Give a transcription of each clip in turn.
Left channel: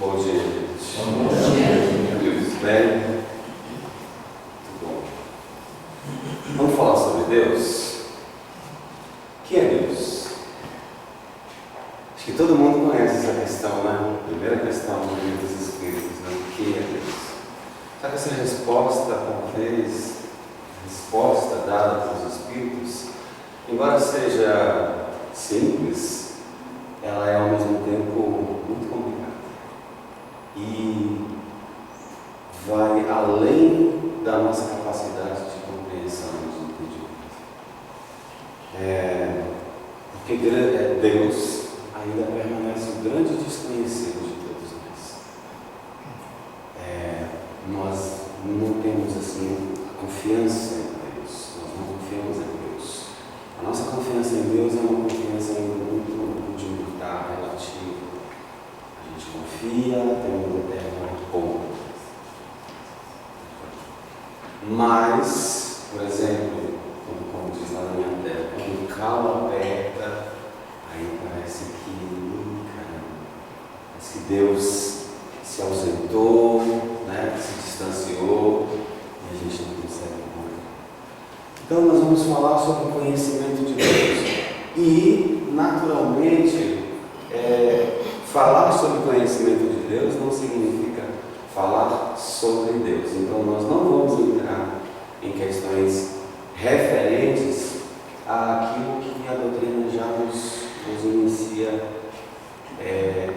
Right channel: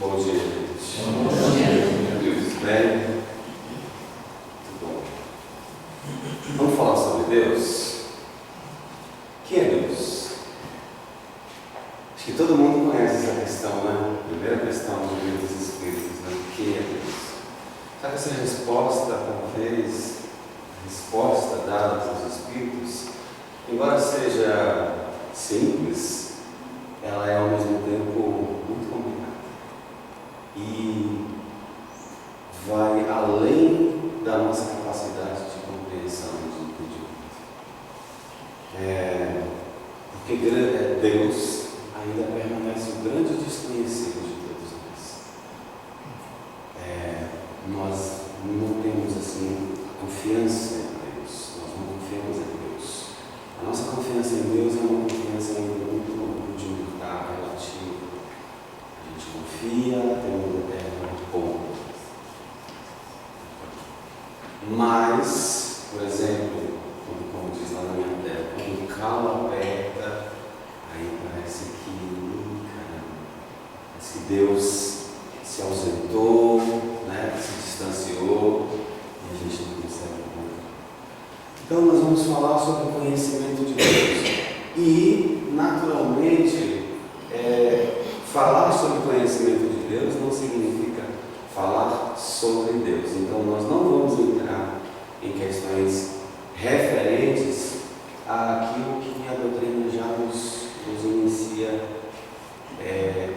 Bom dia, gente. Bom dia. Tudo bem? Muito bom. Vamos falar sobre Deus? Quem é Deus? Acho que todo mundo conhece essa questão, né? Primeira questão do livro dos Espíritos, né? Quem é Deus? Só que essa resposta, talvez, resposta dada pelos Espíritos, embora seja simples, ela é ao mesmo tempo muito complicada. E vai além da nossa capacidade de compreensão e de entendimento. Porque Deus ainda permanece o grande desconhecido de todos nós. Nós não temos assim a confiança em Deus, nós não confiamos em Deus. A nossa confiança em Deus é uma confiança ainda muito rudimentar, relativa. A gente confia até um determinado ponto. Mas, por exemplo, como diz lá na minha tela, quando o calo aperta, aí parece que Deus se ausentou, né, se distanciou e a gente não consegue encontrar. Então nós vamos falar sobre o conhecimento de Deus. E, naturalmente, falar sobre o conhecimento de Deus não significa falar sobre Deus. Então nós não vamos entrar em questões referentes àquilo que a doutrina já nos inicia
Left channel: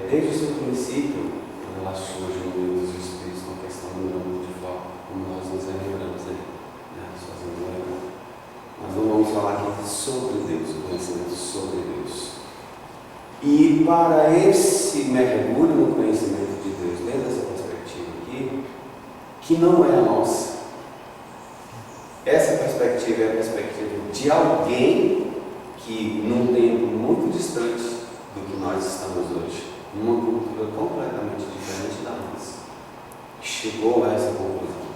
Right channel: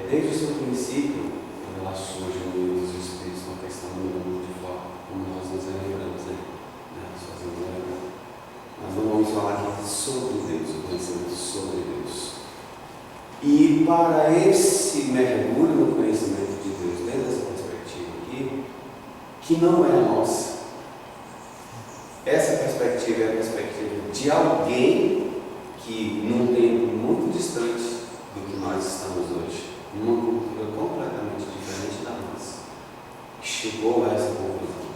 desde o seu princípio, quando ela surge no livro dos Espíritos, com a questão do mundo de forma, como nós nos lembramos aí, né? Nós não vamos falar aqui sobre Deus, o conhecimento sobre Deus. E para esse mergulho no conhecimento de Deus, dentro dessa perspectiva aqui, que não é a nossa, essa perspectiva é a perspectiva de alguém que, num tempo muito distante do que nós estamos hoje, numa cultura completamente diferente da nossa, chegou a essa conclusão.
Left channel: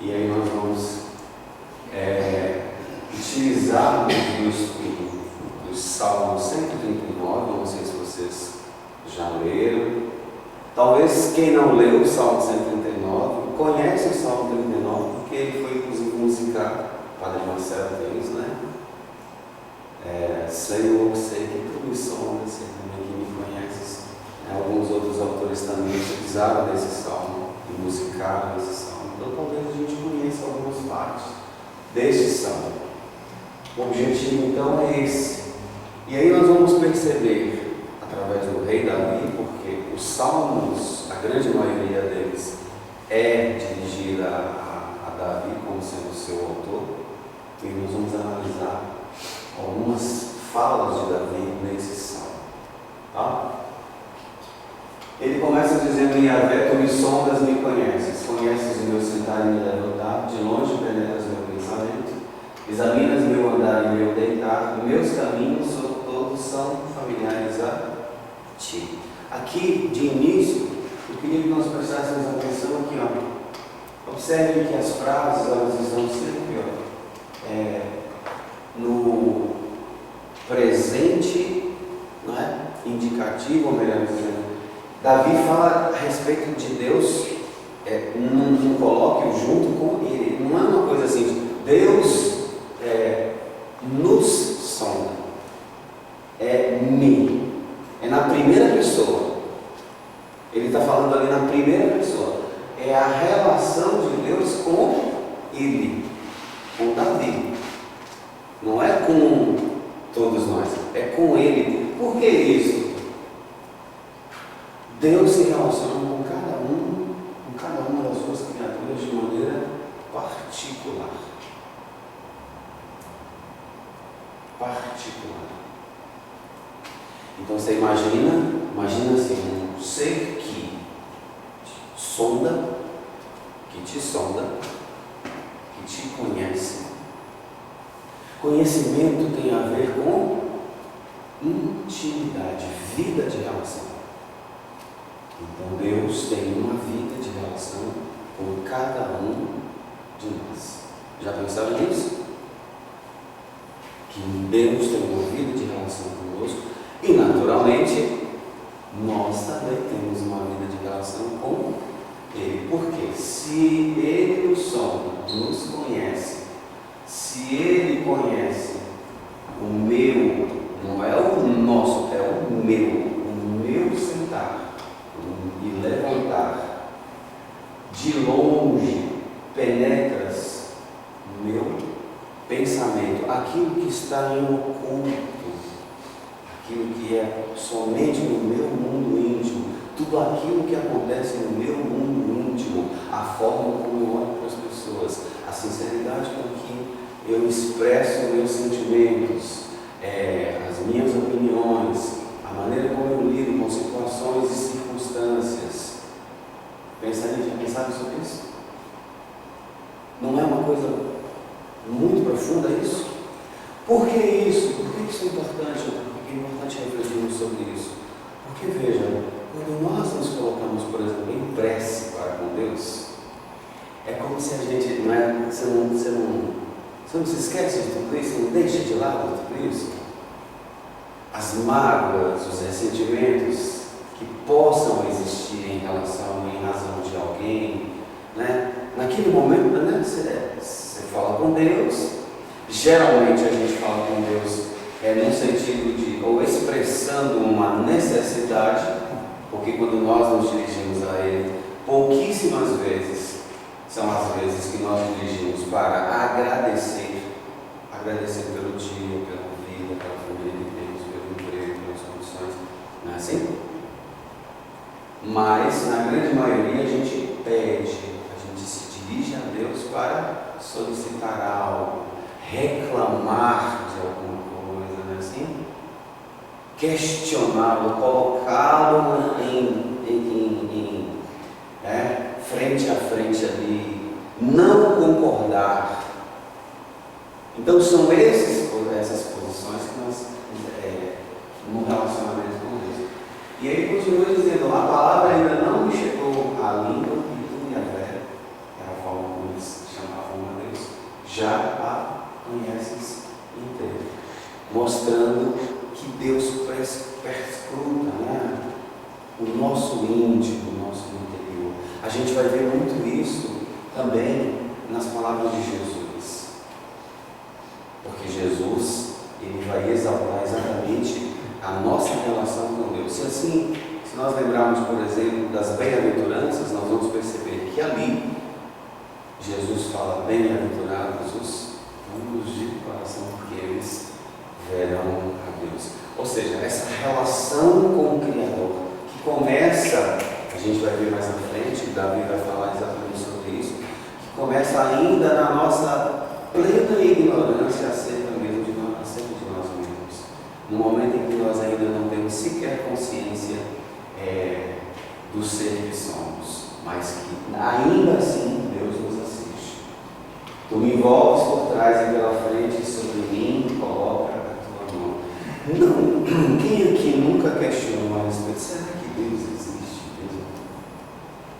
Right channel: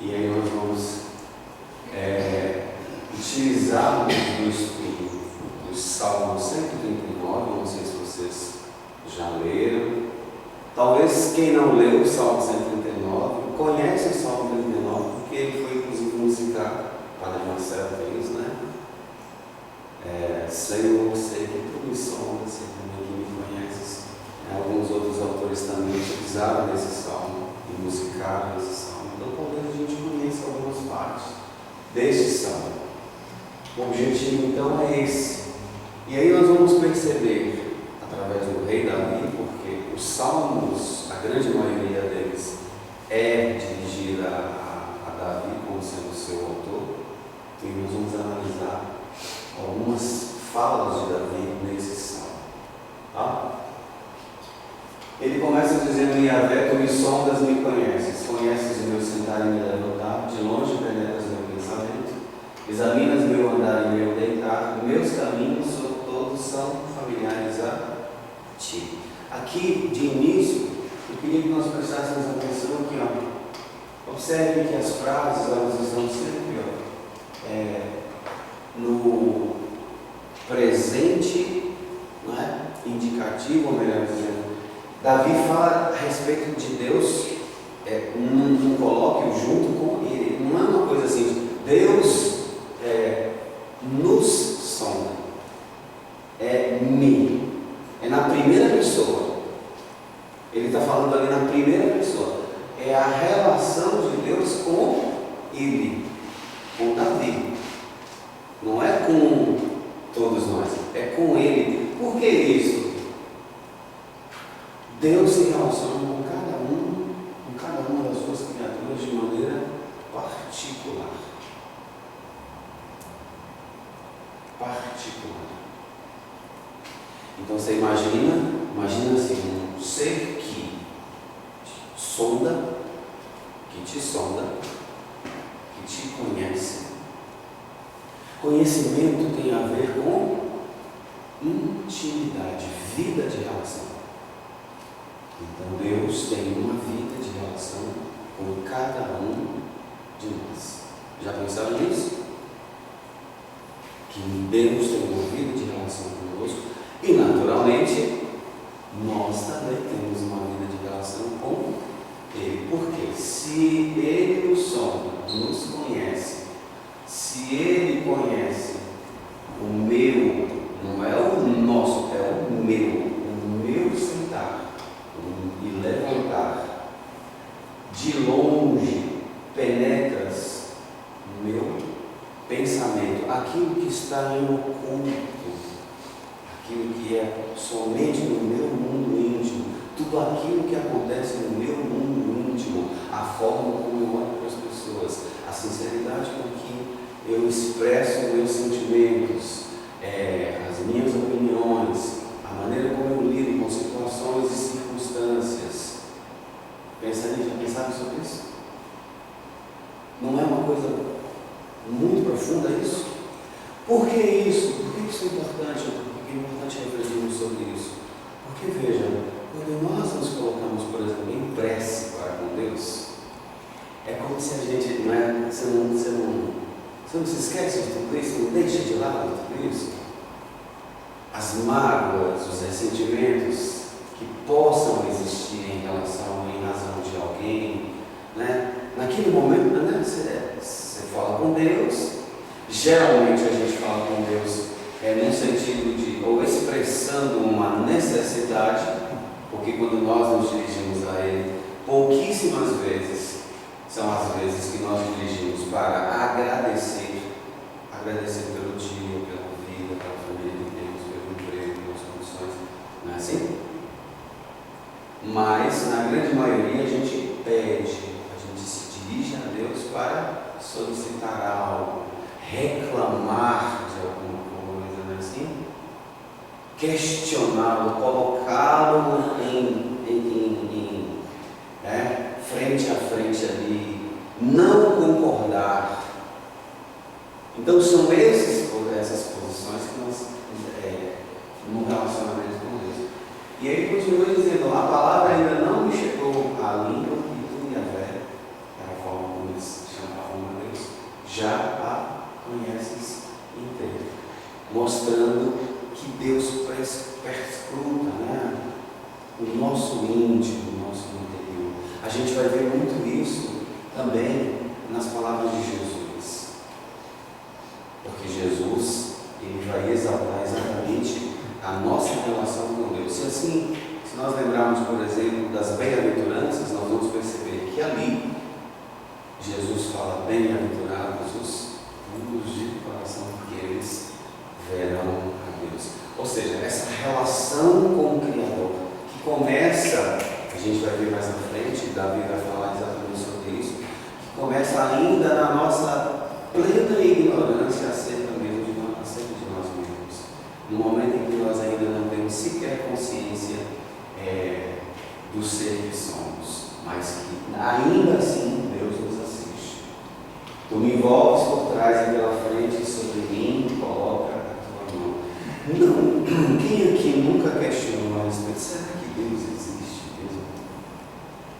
E aí nós vamos utilizar os Salmos 139, não sei se vocês já leram. Talvez quem não leu o Salmo 139 conhece o Salmo 39, porque ele foi inclusive musicado. O Padre Marcelo fez, né? Senhor, sei que tu me sondas, você também que me conheces. Alguns outros autores também utilizaram desse salmo e musicaram esse salmo. Então talvez a gente conheça algumas partes deste salmo. O objetivo então é esse. E aí nós vamos perceber, através do rei Davi, porque os salmos, a grande maioria deles, é dirigida a Davi como sendo o seu autor. E nós vamos analisar algumas falas de Davi nesse salmo. Tá? Ele começa dizendo: Yahvé, tu me sondas, me conheces o meu sentar e me levantar, de longe penetras meu pensamento, examinas meu andar e meu deitar, meus caminhos todos são familiares a ti. Aqui, de início, eu queria que nós prestássemos atenção aqui, ó. Observe que as frases, elas estão sempre, no presente, não é? Indicativo, ou melhor dizendo, Davi fala a respeito de Deus, num colóquio junto com ele. Não é uma coisa assim, Deus nos sonda, me, é na primeira pessoa. Ele está falando ali na primeira pessoa. É a relação de Deus com ele, com Davi. Não é com todos nós, é com ele. Por que isso? Deus se relaciona com cada uma das suas criaturas de maneira particular. Então você imagina assim, um ser que te sonda, que te conhece. Conhecimento tem a ver com intimidade, vida de relação. Então Deus tem uma vida de relação com cada um de nós. Já pensaram nisso? Que Deus tem uma vida de relação conosco e, naturalmente, nós também temos uma vida de relação com Ele. Porque se Ele nos sonda, nos conhece, se Ele conhece o meu, não é o nosso, é o meu sentar e levantar, de longe penetras no meu pensamento, aquilo que está em oculto, aquilo que é somente no meu mundo íntimo, tudo aquilo que acontece no meu mundo íntimo, a forma como eu olho para as pessoas, a sinceridade com que eu expresso meus sentimentos, as minhas opiniões, a maneira como eu lido com situações e circunstâncias. Pensaram sobre isso? Não é uma coisa muito profunda isso? Por que isso? Por que isso é importante? Porque é importante refletirmos sobre isso. Porque veja, quando nós nos colocamos, por exemplo, em prece para com Deus, é como se a gente, você não se esquece de tudo isso, não deixa de lado tudo isso. As mágoas, os ressentimentos que possam existir em razão de alguém, né? Naquele momento, né? Você fala com Deus, geralmente a gente fala com Deus no sentido de, ou expressando uma necessidade, porque quando nós nos dirigimos a Ele, pouquíssimas vezes são as vezes que nós dirigimos para agradecer pelo dia, pela vida, pela família que temos, pelo emprego, pelas condições, não é assim? Mas, na grande maioria, a gente pede, a gente se dirige a Deus para solicitar algo, reclamar de alguma coisa, não é assim? Questioná-lo, colocá-lo frente a frente ali, não concordar. Então são essas posições que nós no relacionamento com Deus. E aí continua dizendo, a palavra ainda não me chegou à língua e tu, Yahvé, era a forma como eles chamavam a Deus, já a conheces inteira, mostrando que Deus perscruta, né, o nosso íntimo, o nosso interior. A gente vai ver muito isso também nas palavras de Jesus, porque Jesus, ele vai exaltar exatamente a nossa relação com Deus. Se nós lembrarmos, por exemplo, das bem-aventuranças, nós vamos perceber que ali Jesus fala, bem-aventurados os puros de coração, porque eles verão a Deus. Ou seja, essa relação com o Criador, que começa, a gente vai ver mais na frente, Davi vai falar exatamente sobre isso, que começa ainda na nossa plena ignorância acerca mesmo de nós mesmos. No momento em que nós ainda não temos sequer consciência do ser que somos, mas que ainda assim Deus nos assiste. Tu me envolves por trás e pela frente, sobre mim coloca a tua mão. Não, quem aqui nunca questionou a respeito? Será que Deus existe mesmo?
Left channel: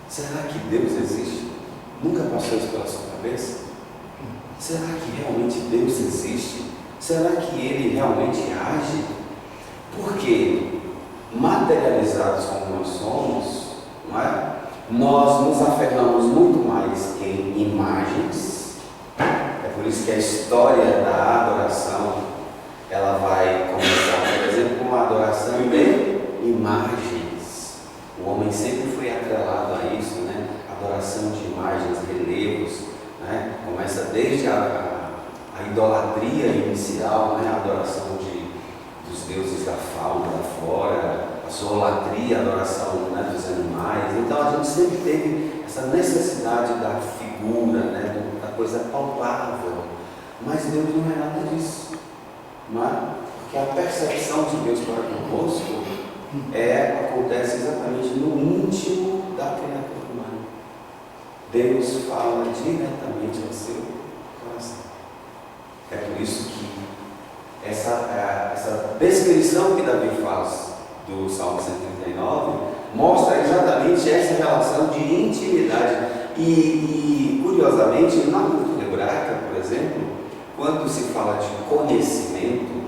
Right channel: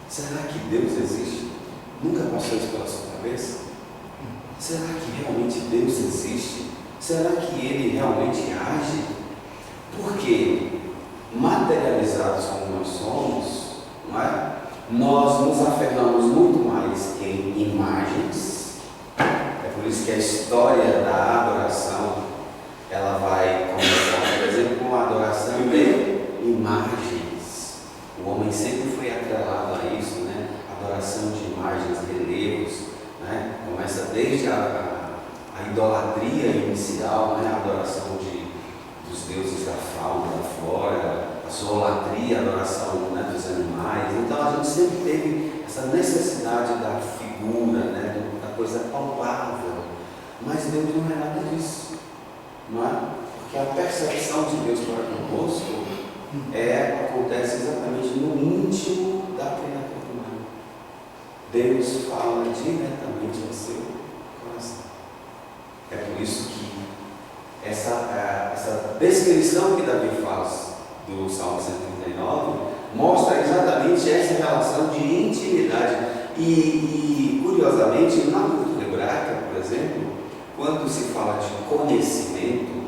Será que Deus existe? Nunca passou isso pela sua cabeça? Será que realmente Deus existe? Será que Ele realmente age? Porque, materializados como nós somos, não é? Nós nos aferramos muito mais em imagens. É por isso que a história da adoração, ela vai começar, por exemplo, com a adoração de imagens. O homem sempre foi atrelado a isso, né? Adoração de imagens, relevos, né? Começa desde a idolatria inicial, né? A adoração dos deuses da fauna, da flora, a zoolatria, a adoração, né, dos animais. Então a gente sempre teve essa necessidade da figura, né, da coisa palpável. Mas Deus não é nada disso, não é? Porque a percepção de Deus para conosco acontece exatamente no íntimo da criatura humana. Deus fala diretamente ao seu coração. É por isso que essa descrição que Davi faz do Salmo 139 mostra exatamente essa relação de intimidade. E curiosamente, na cultura hebraica, por exemplo, quando se fala de conhecimento,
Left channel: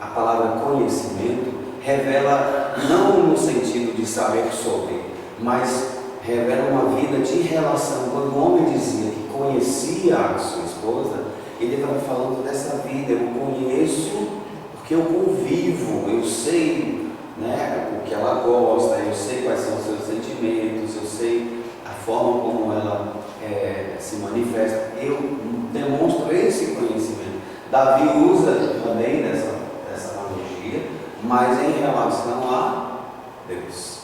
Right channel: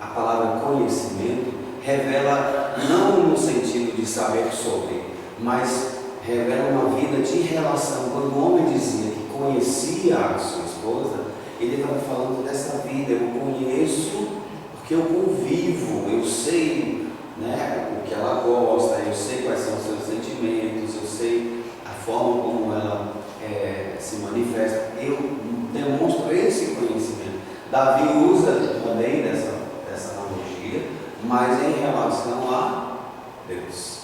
a palavra conhecimento revela não no sentido de saber sobre, mas revela uma vida de relação. Quando o homem dizia que conhecia a sua esposa, ele estava falando dessa vida. Eu conheço porque eu convivo, eu sei, né, o que ela gosta, eu sei quais são os seus sentimentos, eu sei a forma como ela se manifesta. Eu demonstro esse conhecimento. Davi usa também dessa analogia, mas em relação a Deus.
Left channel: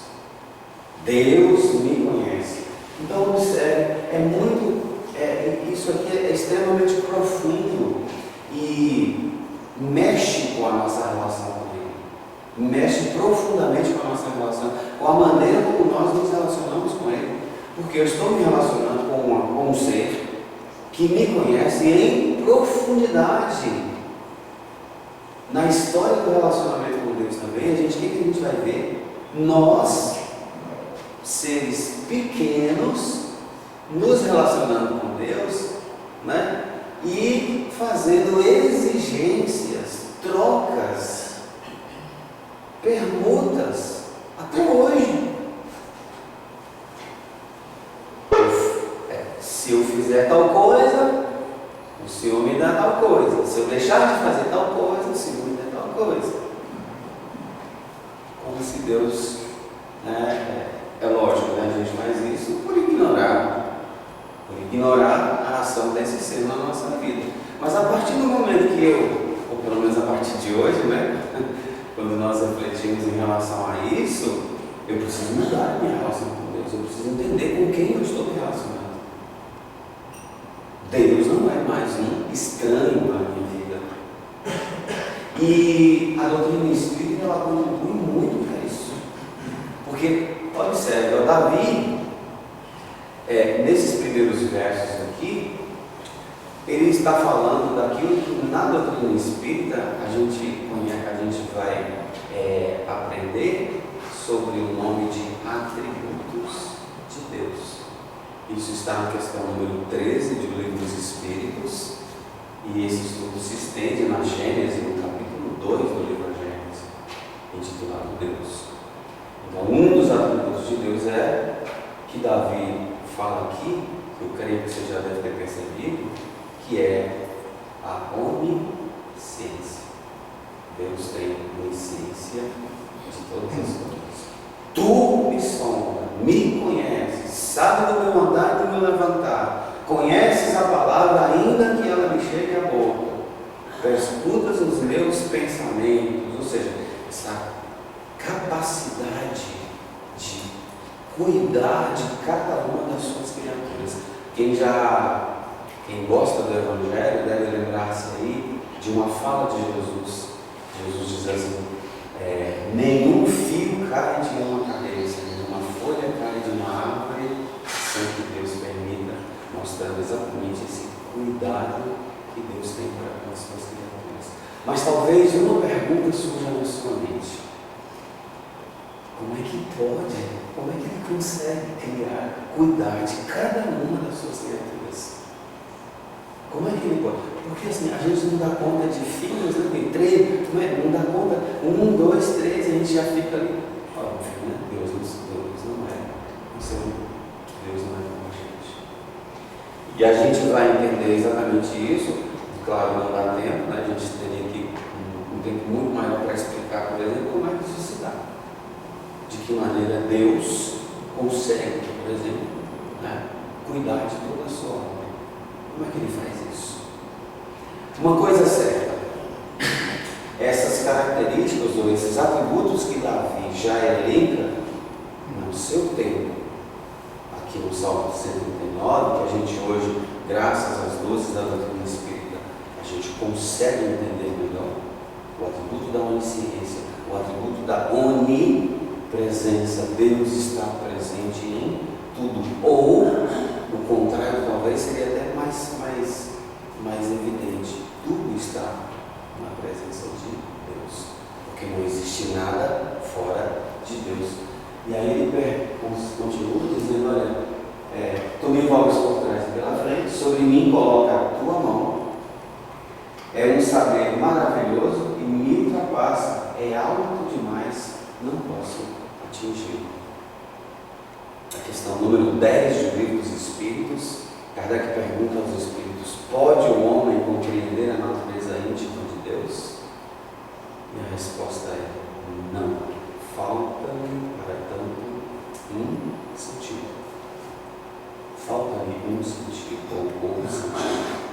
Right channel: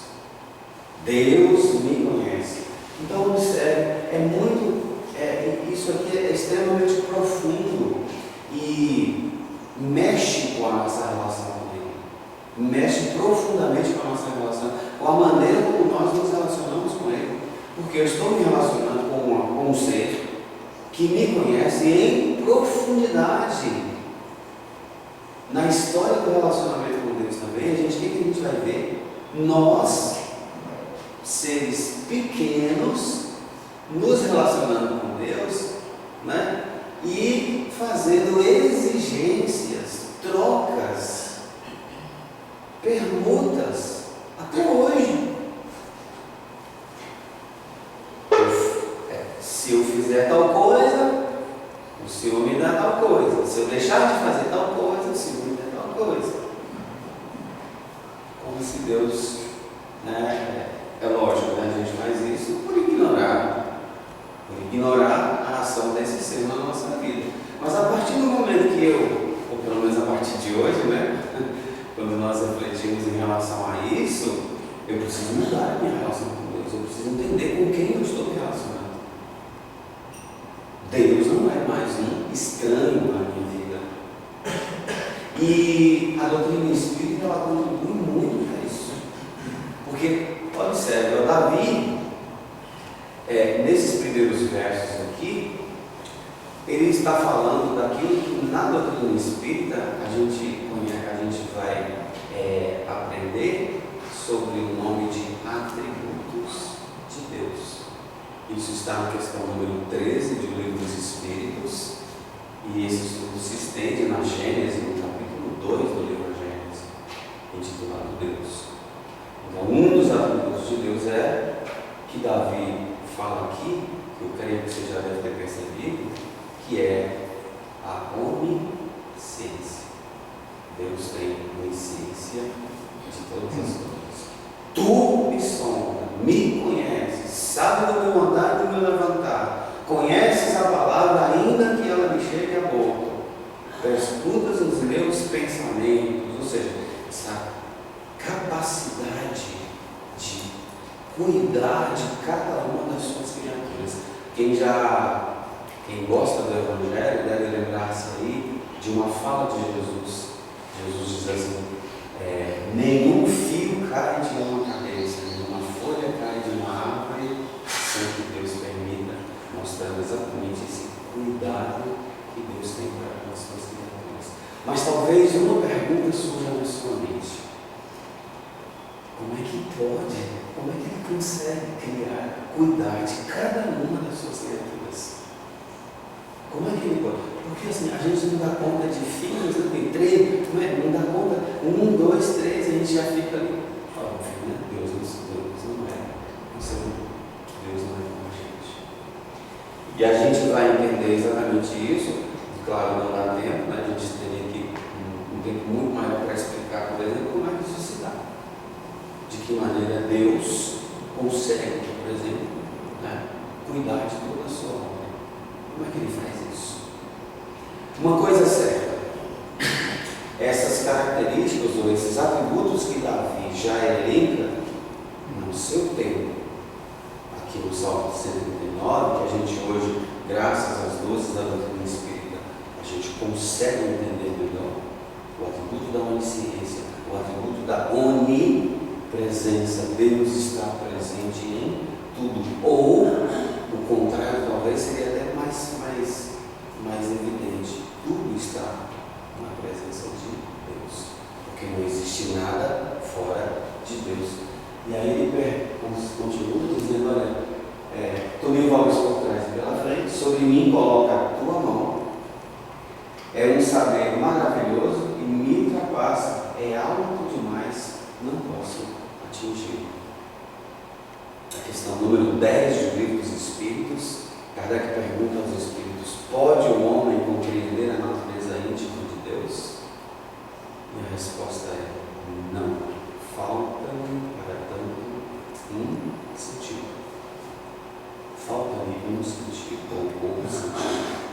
Deus me conhece. Então isso aqui é extremamente profundo e mexe com a nossa relação com Ele. Mexe profundamente com a nossa relação, com a maneira como nós nos relacionamos com Ele. Porque eu estou me relacionando com um ser que me conhece em profundidade. Na história do relacionamento com Deus também, o que a gente vai ver? Nós, seres pequenos, nos relacionando com Deus, né? E fazendo exigências, trocas, permutas, até hoje. Se eu fizer tal coisa, o Senhor me dá tal coisa. Se eu deixar de fazer tal coisa, o Senhor me dá tal coisa. Como se Deus, né, é lógico, né, a gente faz isso por ignorar a ação desse ser na nossa vida. Mas a partir do momento que ou pelo menos a partir de hoje, né, quando nós refletimos em relação a isso, eu preciso mudar a minha relação com Deus. Eu preciso entender com quem eu estou me relacionando. Deus não é mais um estranho na minha vida. E a doutrina espírita, ela contribui muito para isso. Porque, observe, o Davi, nesses primeiros versos aqui, ele está falando daquilo que na doutrina espírita a gente vai aprender sobre o nome de atributos de Deus. Isso está na questão número 13 do Livro dos Espíritos, e esse estudo se estende na Gênesis, no capítulo 2 do livro Gênesis, intitulado Deus. Então, um dos atributos de Deus que Davi fala aqui, que eu creio que você já deve ter percebido, que é a onisciência. Deus tem onisciência de todas as coisas. Tu me sonda, me conheces, sabe do meu andar e do meu levantar, conheces a palavra ainda que ela me chegue à boca, escutas os meus pensamentos. Ou seja, essa capacidade de cuidar de cada uma das suas criaturas. Quem gosta do Evangelho deve lembrar-se aí de uma fala de Jesus. Jesus diz assim: nenhum fio cai de uma cabeça, nenhuma folha cai de uma árvore sem que Deus permita, mostrando exatamente esse cuidado que Deus tem para as suas criaturas. Mas talvez uma pergunta surja na sua mente: como é que pode? Como é que Ele consegue cuidar de cada uma das suas criaturas? Como é que Ele pode? Porque assim, a gente não dá conta de filhos, né? Tem 3, não dá conta, 1, 2, 3, a gente já fica ali. Óbvio, né? Deus não é. Deus não é como a gente. E a gente vai entender exatamente isso. Claro, não dá tempo, né? A gente teria que um tempo muito maior para explicar, por exemplo, como é que isso se dá. De que maneira Deus consegue, por exemplo, né, cuidar de toda a sua obra. Como é que Ele faz isso? Uma coisa certa: essas características ou esses atributos que Davi já elenca no seu tempo, aqui no Salmo 139, que a gente hoje, graças às luzes da doutrina espírita, a gente consegue entender melhor o atributo da onisciência, o atributo da onipresença. Deus está presente em tudo. Ou, o contrário, talvez seria até mais evidente: tudo está na presença de Deus, porque não existe nada fora de Deus. E aí ele continua dizendo: olha, tu me envolves por trás e pela frente, sobre mim coloca a tua mão, é um saber maravilhoso e me ultrapassa, é alto demais questão número 10 do Livro dos Espíritos, Kardec pergunta aos Espíritos: pode o homem compreender a natureza íntima de Deus? E a resposta é: não. Falta-lhe, para tanto, um sentido. Falta-lhe um sentido, ou um sentido.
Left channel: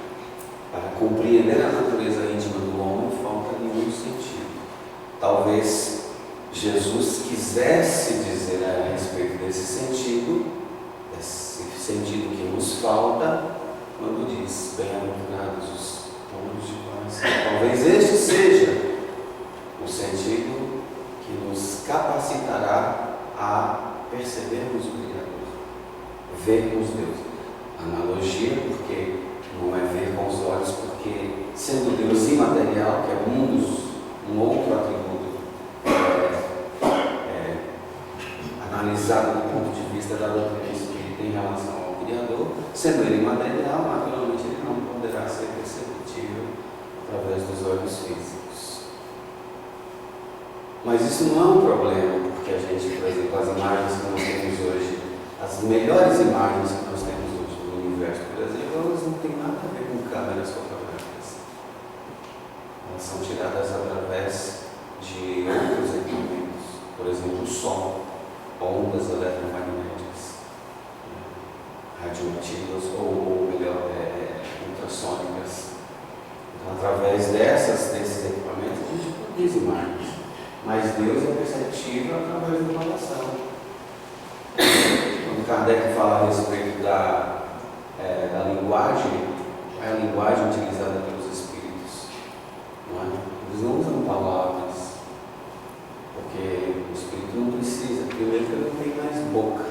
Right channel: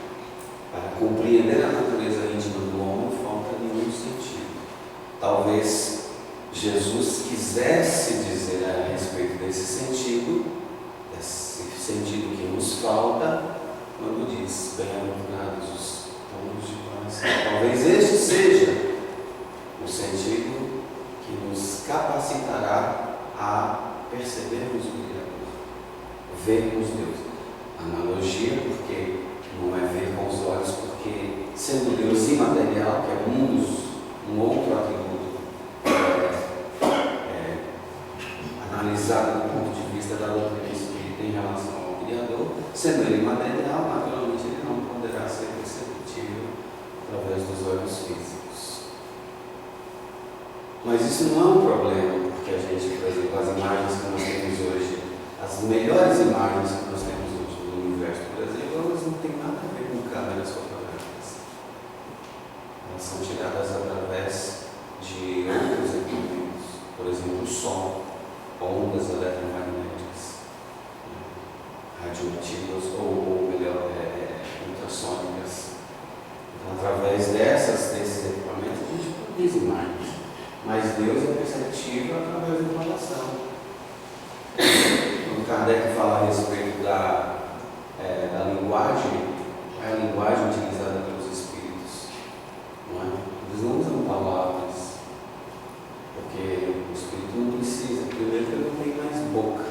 Para compreender a natureza íntima do homem, falta-lhe um sentido. Talvez Jesus quisesse dizer a respeito desse sentido que nos falta, quando diz: bem-aventurados os puros de coração. Talvez este seja o sentido que nos capacitará a percebermos o Criador, vermos Deus. Analogia, porque não é ver com os olhos, porque sendo Deus imaterial, que é um outro atributo analisado do ponto de vista da doutrina espírita em relação ao Criador, sendo ele imaterial, naturalmente ele não poderá ser perceptível através dos olhos físicos. Mas isso não é um problema, porque a gente, por exemplo, as imagens que nós temos hoje, as melhores imagens que nós temos hoje do universo, por exemplo, elas não têm nada a ver com câmeras fotográficas. Elas são tiradas através de outros equipamentos, por exemplo, o som, ondas eletromagnéticas, radioativas ou melhor, ultrassônicas. Então, através desses equipamentos, a gente produz imagens. Mas Deus é perceptível através do coração. Quando Kardec fala a respeito da linguagem, é a linguagem utilizada pelos espíritos. Não é? Eles não usam palavras, porque o espírito não precisa. Primeiro que ele não tem mais boca.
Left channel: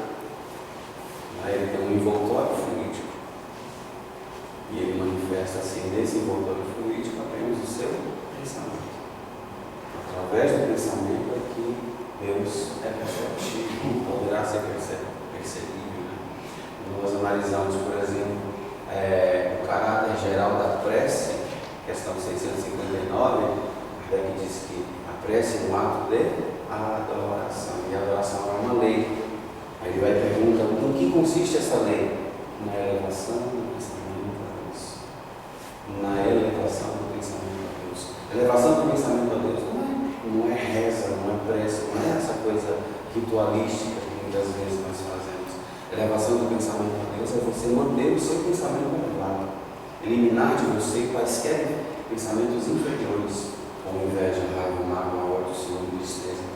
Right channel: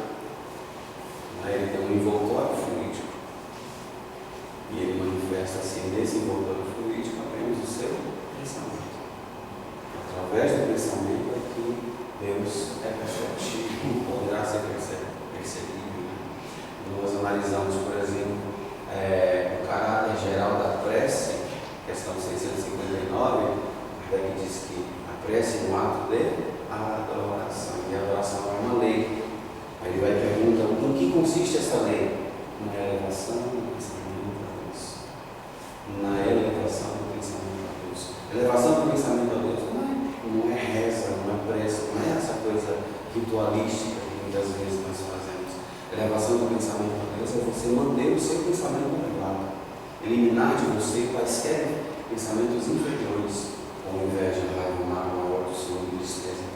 Ele tem um envoltório fluídico. E ele manifesta assim nesse envoltório fluídico apenas o seu pensamento. Através do pensamento é que Deus é perceptível, poderá ser percebido. Nós analisamos, por exemplo, o caráter geral da prece, questão 659, Kardec diz que a prece é um ato de adoração, e a adoração é uma lei. Aí ele vai perguntar: em que consiste essa lei? Na elevação do pensamento a Deus. Na elevação do pensamento a Deus. Elevação do pensamento a Deus não é reza, não é prece, não é essa coisa ritualística que muitas vezes nós fazemos. Elevação do pensamento a Deus é você manter o seu pensamento elevado, eliminar de você quaisquer pensamentos inferiores, como inveja, raiva, mágoa, ódio, ciúme, tristeza.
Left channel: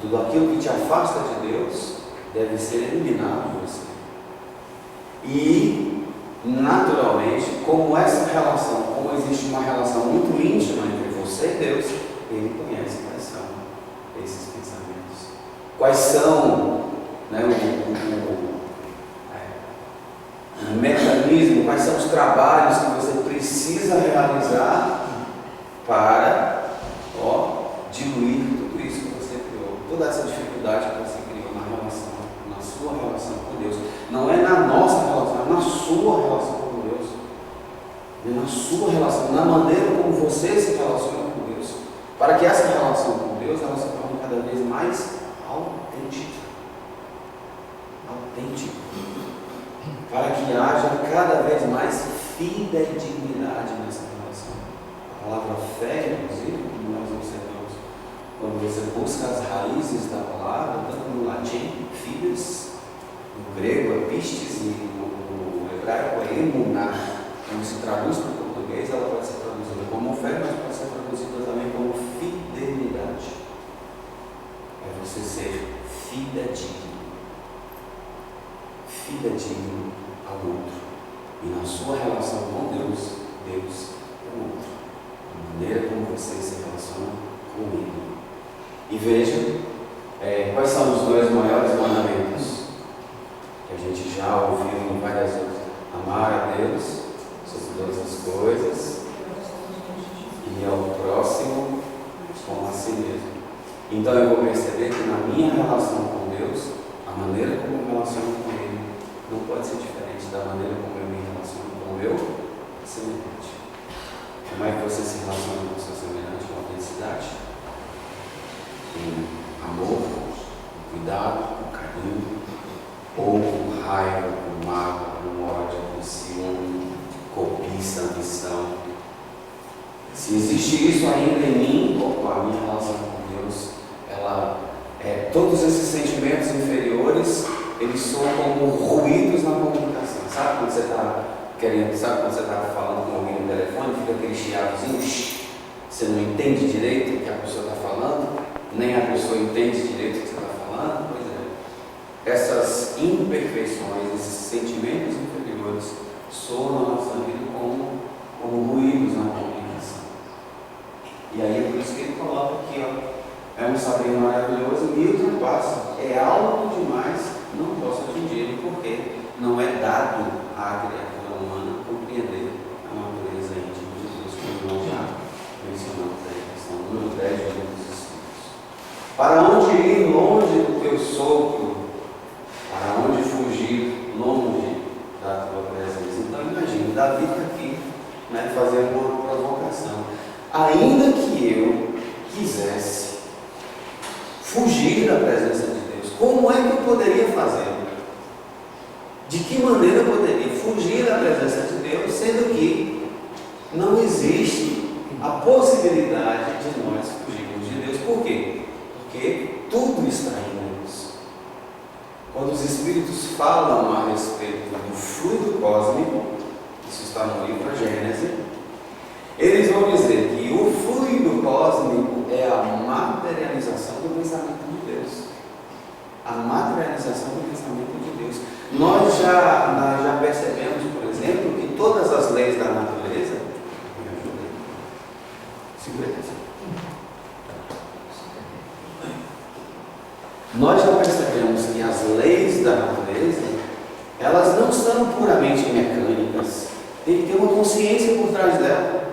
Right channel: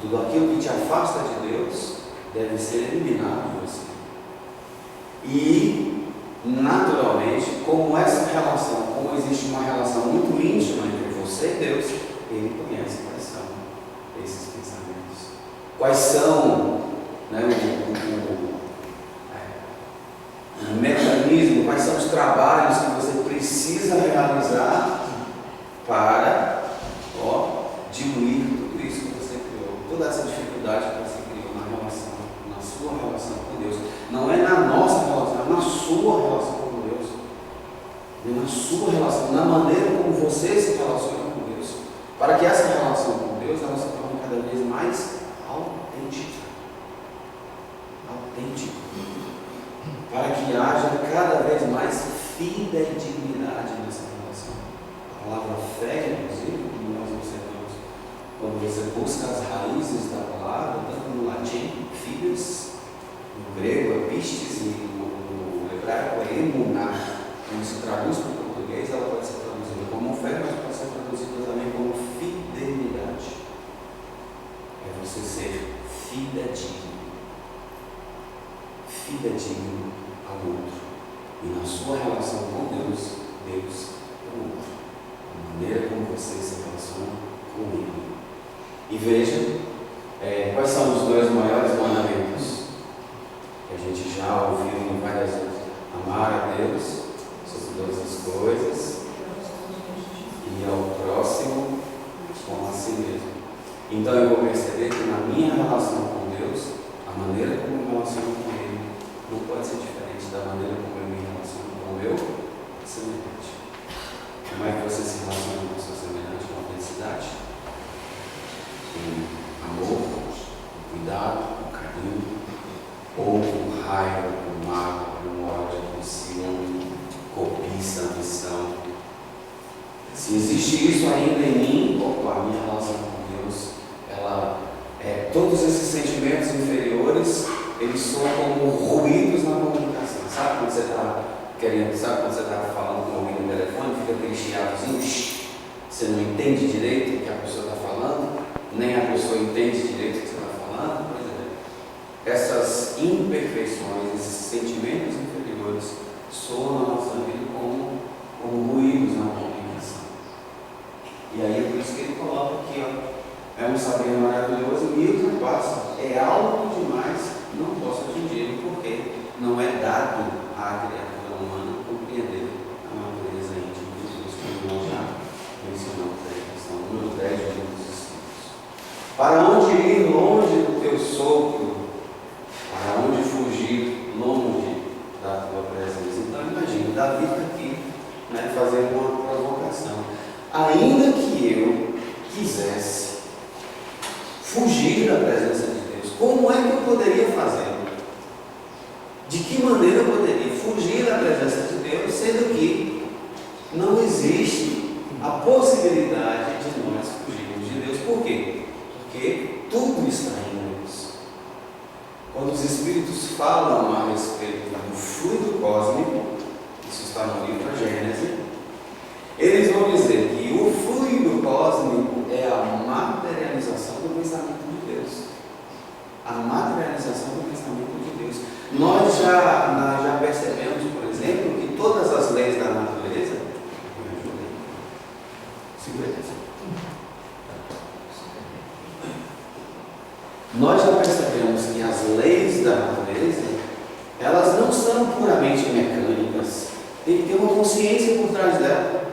Tudo aquilo que te afasta de Deus deve ser eliminado de você. E, naturalmente, como existe uma relação muito íntima entre você e Deus, Ele conhece quais são esses pensamentos. Quais são o mecanismo, quais são os trabalhos que você precisa realizar para diluir tudo isso que você criou, toda essa dificuldade que você criou na sua relação com Deus. Não é na nossa relação, é na sua relação com Deus. É na sua relação, na maneira como você se relaciona com Deus. Para que essa relação com Deus ela se torne cada vez mais autêntica. Para que haja cada vez mais fidedignidade nessa relação. A palavra fé, inclusive, como nós observamos, quando você busca as raízes da palavra, tanto no latim, fides, no grego é pistes e no hebraico é emuná. Quando se traduz para o português, ela pode ser traduzida como fé, mas pode ser traduzida também como fidelidade. É você ser fidedigno ao outro. E na sua relação com Deus, Deus é o outro. A maneira como você se relaciona com Ele. E veja, quais são os dois maiores mandamentos que a gente já ouviu em várias vezes. Amar a Deus sobre todas as coisas e ao próximo como a si mesmo. Então eu vou perceber que na minha relação com Deus, a maneira como eu me relaciono com Ele não pode ser diferente da maneira como eu me relaciono com o meu semelhante. Como é que você se relaciona com o seu semelhante? Com autenticidade, com amor, com cuidado, com carinho, ou com raiva, com mágoa, com ódio, com ciúme, cobiça, ambição. Se existe isso ainda em mim, a minha relação com Deus, todos esses sentimentos inferiores, eles soam como ruídos na comunicação. Sabe quando você está falando com alguém no telefone, fica aquele chiadozinho, você não entende direito o que a pessoa está falando, nem a pessoa entende direito o que você está falando? Pois é. Essas imperfeições, esses sentimentos inferiores, soam na nossa vida como ruídos na comunicação. E aí é por isso que ele coloca aqui, é um saber maravilhoso, me ultrapassa, é algo demais, não posso atingir, porque não é dado à criatura humana compreender a natureza íntima de Deus, como nós já mencionamos aí, questão número 10 do livro dos Espíritos. Para onde ir longe do teu sopro? Para onde fugir longe da tua presença? Então imagine, Davi está aqui, fazendo uma provocação. Ainda que eu quisesse fugir da presença de Deus, como é que eu poderia fazer? De que maneira eu poderia fugir da presença de Deus, sendo que não existe a possibilidade de nós fugirmos de Deus? Por quê? Porque tudo está em Deus. Quando os Espíritos falam a respeito do fluido cósmico, isso está no livro Gênesis, eles vão dizer que o fluido cósmico é a materialização do pensamento de Deus. A materialização do pensamento de Deus. Nós já percebemos, por exemplo, que todas as leis da natureza. Me ajuda aí. 55. Nós já percebemos que as leis da natureza, elas não são puramente mecânicas. Tem que ter uma consciência por trás dela.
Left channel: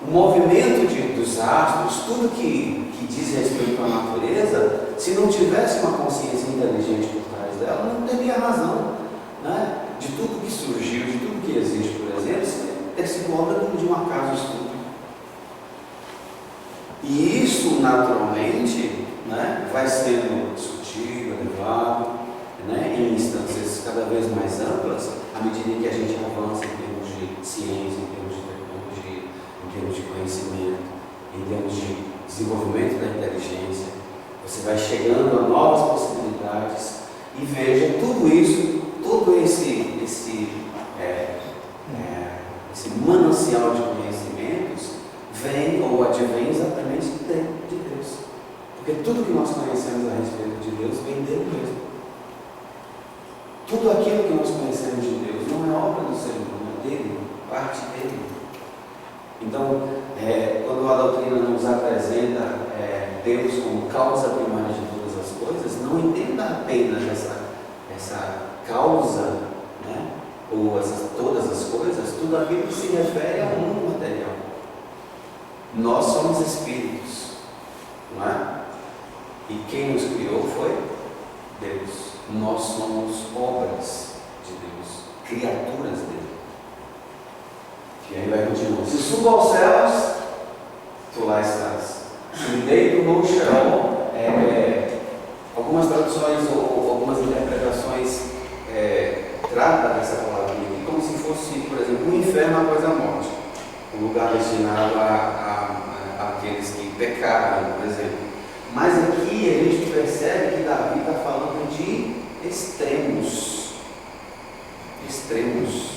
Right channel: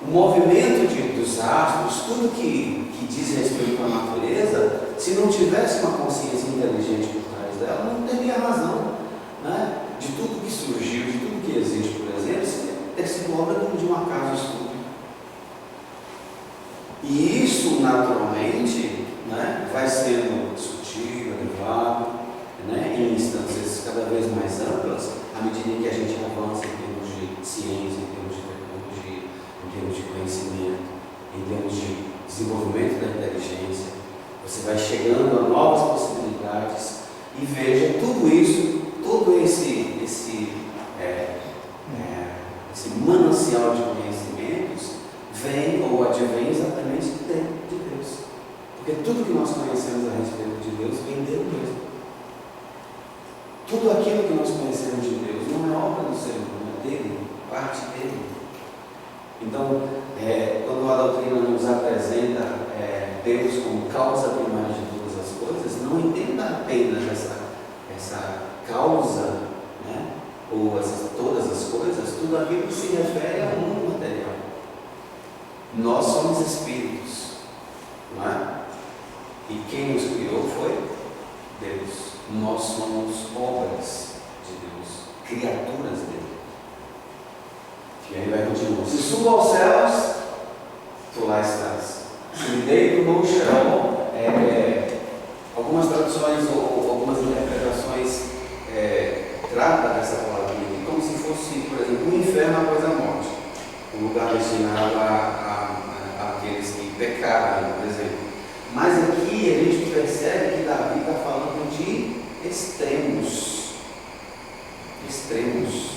O movimento dos astros, tudo que diz respeito à natureza, se não tivesse uma consciência inteligente por trás dela, não teria razão, de tudo que surgiu, de tudo que existe, por exemplo, ter sido obra de um acaso estúpido. E isso, naturalmente, vai sendo sutil, elevado, em instâncias cada vez mais amplas, à medida que a gente avança em termos de ciência, em termos de tecnologia, em termos de conhecimento, em termos de desenvolvimento da inteligência. Você vai chegando a novas possibilidades e veja tudo isso, todo esse manancial de conhecimentos vem ou advém exatamente de Deus. Porque tudo que nós conhecemos a respeito de Deus vem dele mesmo. Tudo aquilo que nós conhecemos de Deus não é obra do ser humano, é dele, parte dele. Então, quando a doutrina nos apresenta Deus como causa primária de todas as coisas, não entenda apenas essa causa, ou todas as coisas, tudo aquilo que se refere ao mundo material. Nós somos espíritos, não é? E quem nos criou foi Deus. Nós somos obras de Deus, criaturas dele. E aí vai continuar. Se subo aos céus, tu lá estás. Se me deito no chão, algumas traduções ou algumas interpretações tratam dessa palavra aqui como se fosse, por exemplo, um inferno após a morte, um lugar destinado àqueles que pecaram, por exemplo. Mas aqui a gente percebe que Davi está falando de extremos. Extremos.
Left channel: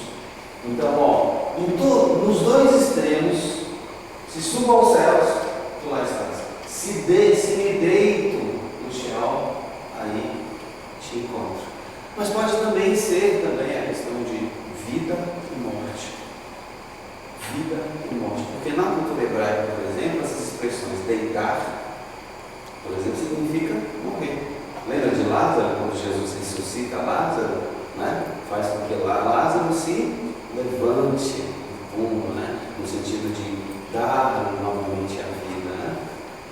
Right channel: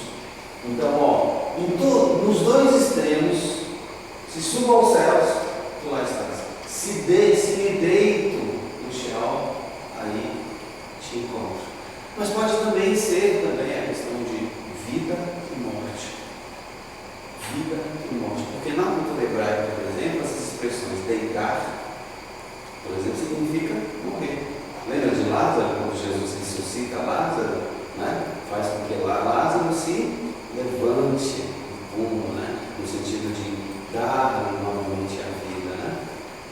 Então, nos dois extremos, se subo aos céus, tu lá estás. Se me deito no chão, aí te encontro. Mas pode também ser a questão de vida e morte. Vida e morte. Porque na cultura hebraica, por exemplo, essas expressões deitar, por exemplo, significa morrer. Lembra de Lázaro, quando Jesus ressuscita Lázaro, faz com que Lázaro se levante do túmulo, no sentido de dar novamente a vida.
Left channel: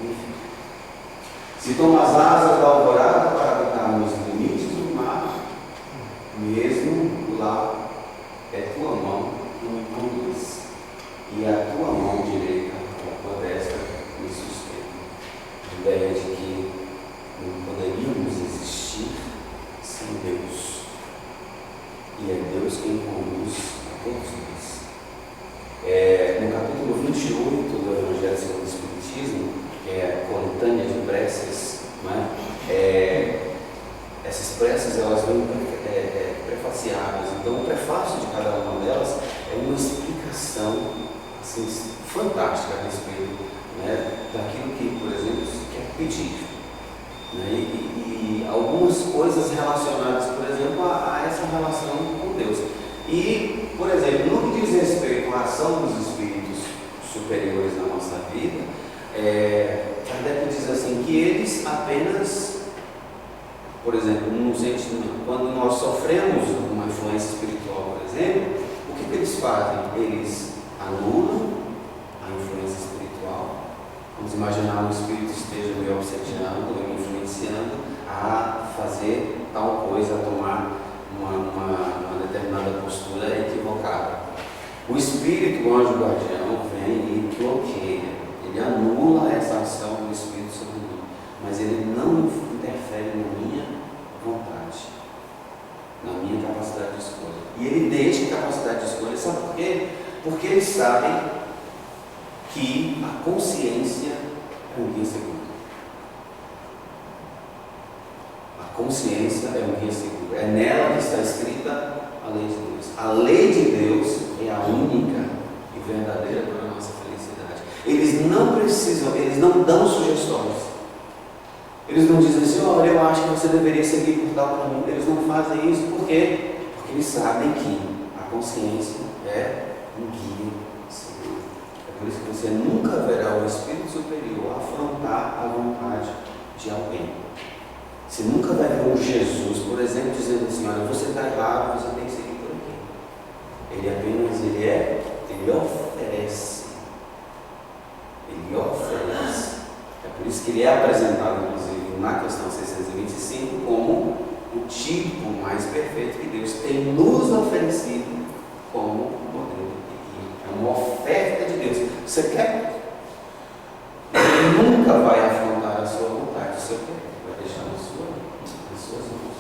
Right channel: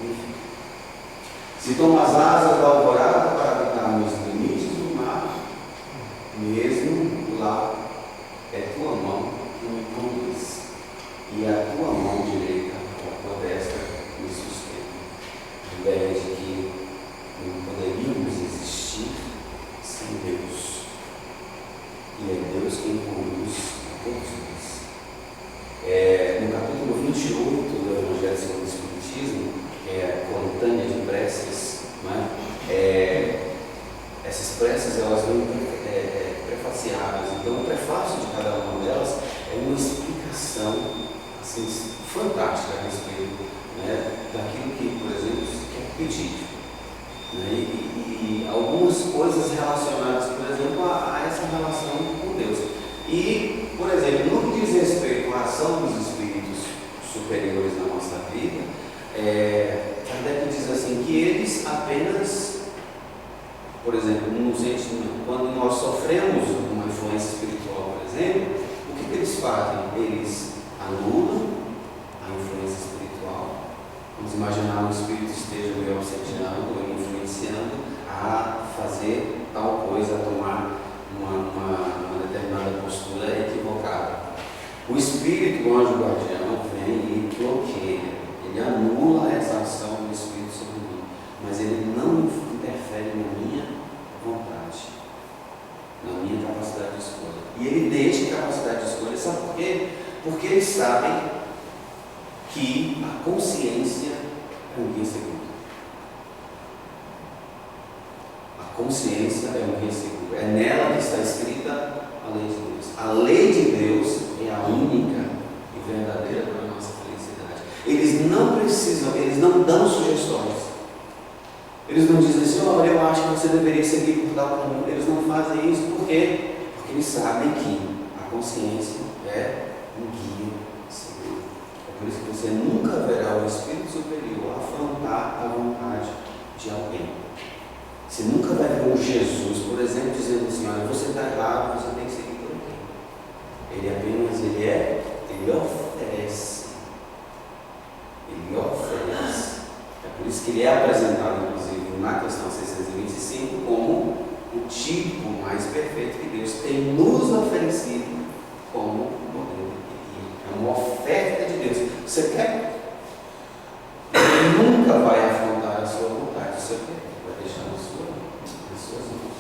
Enfim. Se tomo as asas da alvorada para habitar nos limites do mar, mesmo lá é tua mão que me conduz, e a tua mão direita, a tua destra, me sustenta. A ideia de que não poderíamos existir sem Deus. Essas preces, elas vêm prefaciadas. Então, o prefácio de cada uma delas é uma explicação assim, fantástica a respeito, né, daquilo que, por exemplo, se quer pedir. Né, e algumas coisas relacionadas, por exemplo, a essa relação com Deus. E, por exemplo, no que diz respeito à ação dos espíritos superiores na nossa vida, Kardec diz assim, que eles apenas, por exemplo, no sentido, quando nós sofremos uma influência espiritual, por exemplo, o que eles fazem? Eles anulam a influência espiritual. Vamos imaginar um espírito esteja me obsediando, me influenciando a fazer tal coisa, a tomar uma determinada postura equivocada. O espírito, o anjo guardião, vem e bloqueia, ele anula essa ação do espírito sobre mim, mas ele não interfere na minha vontade, na minha capacidade de escolha. E ele deixa a capacidade de escolha, sabe por quê? Porque eles sabem que a consciência é um guia seguro. A consciência é um guia seguro. É nela que está escrita a lei de Deus. A lei de Deus é a única e verdadeira para a nossa felicidade. Eles não precisam, eles não dão sugestões. Eles não dizem assim, olha, eu acho que você deveria seguir por tal caminho. Eles não fazem isso, por quê? Porque eles sabem que a consciência é um guia seguro. É por isso que você nunca verá o Espírito Superior afrontar a vontade de alguém. Você nunca vai ver um Jesus, por exemplo, dizendo assim, olha, você está errado, você tem que seguir por aqui. Ele apenas, ele oferece. Ele oferece. É por isso que ele é apresentado, inclusive, na questão 625, como o tipo mais perfeito que Deus tem nos oferecido como modelo de guia. É uma oferta de Deus. Você quer? Ele nunca vai afrontar a sua vontade, o seu querer. Vai deixar nas suas mãos.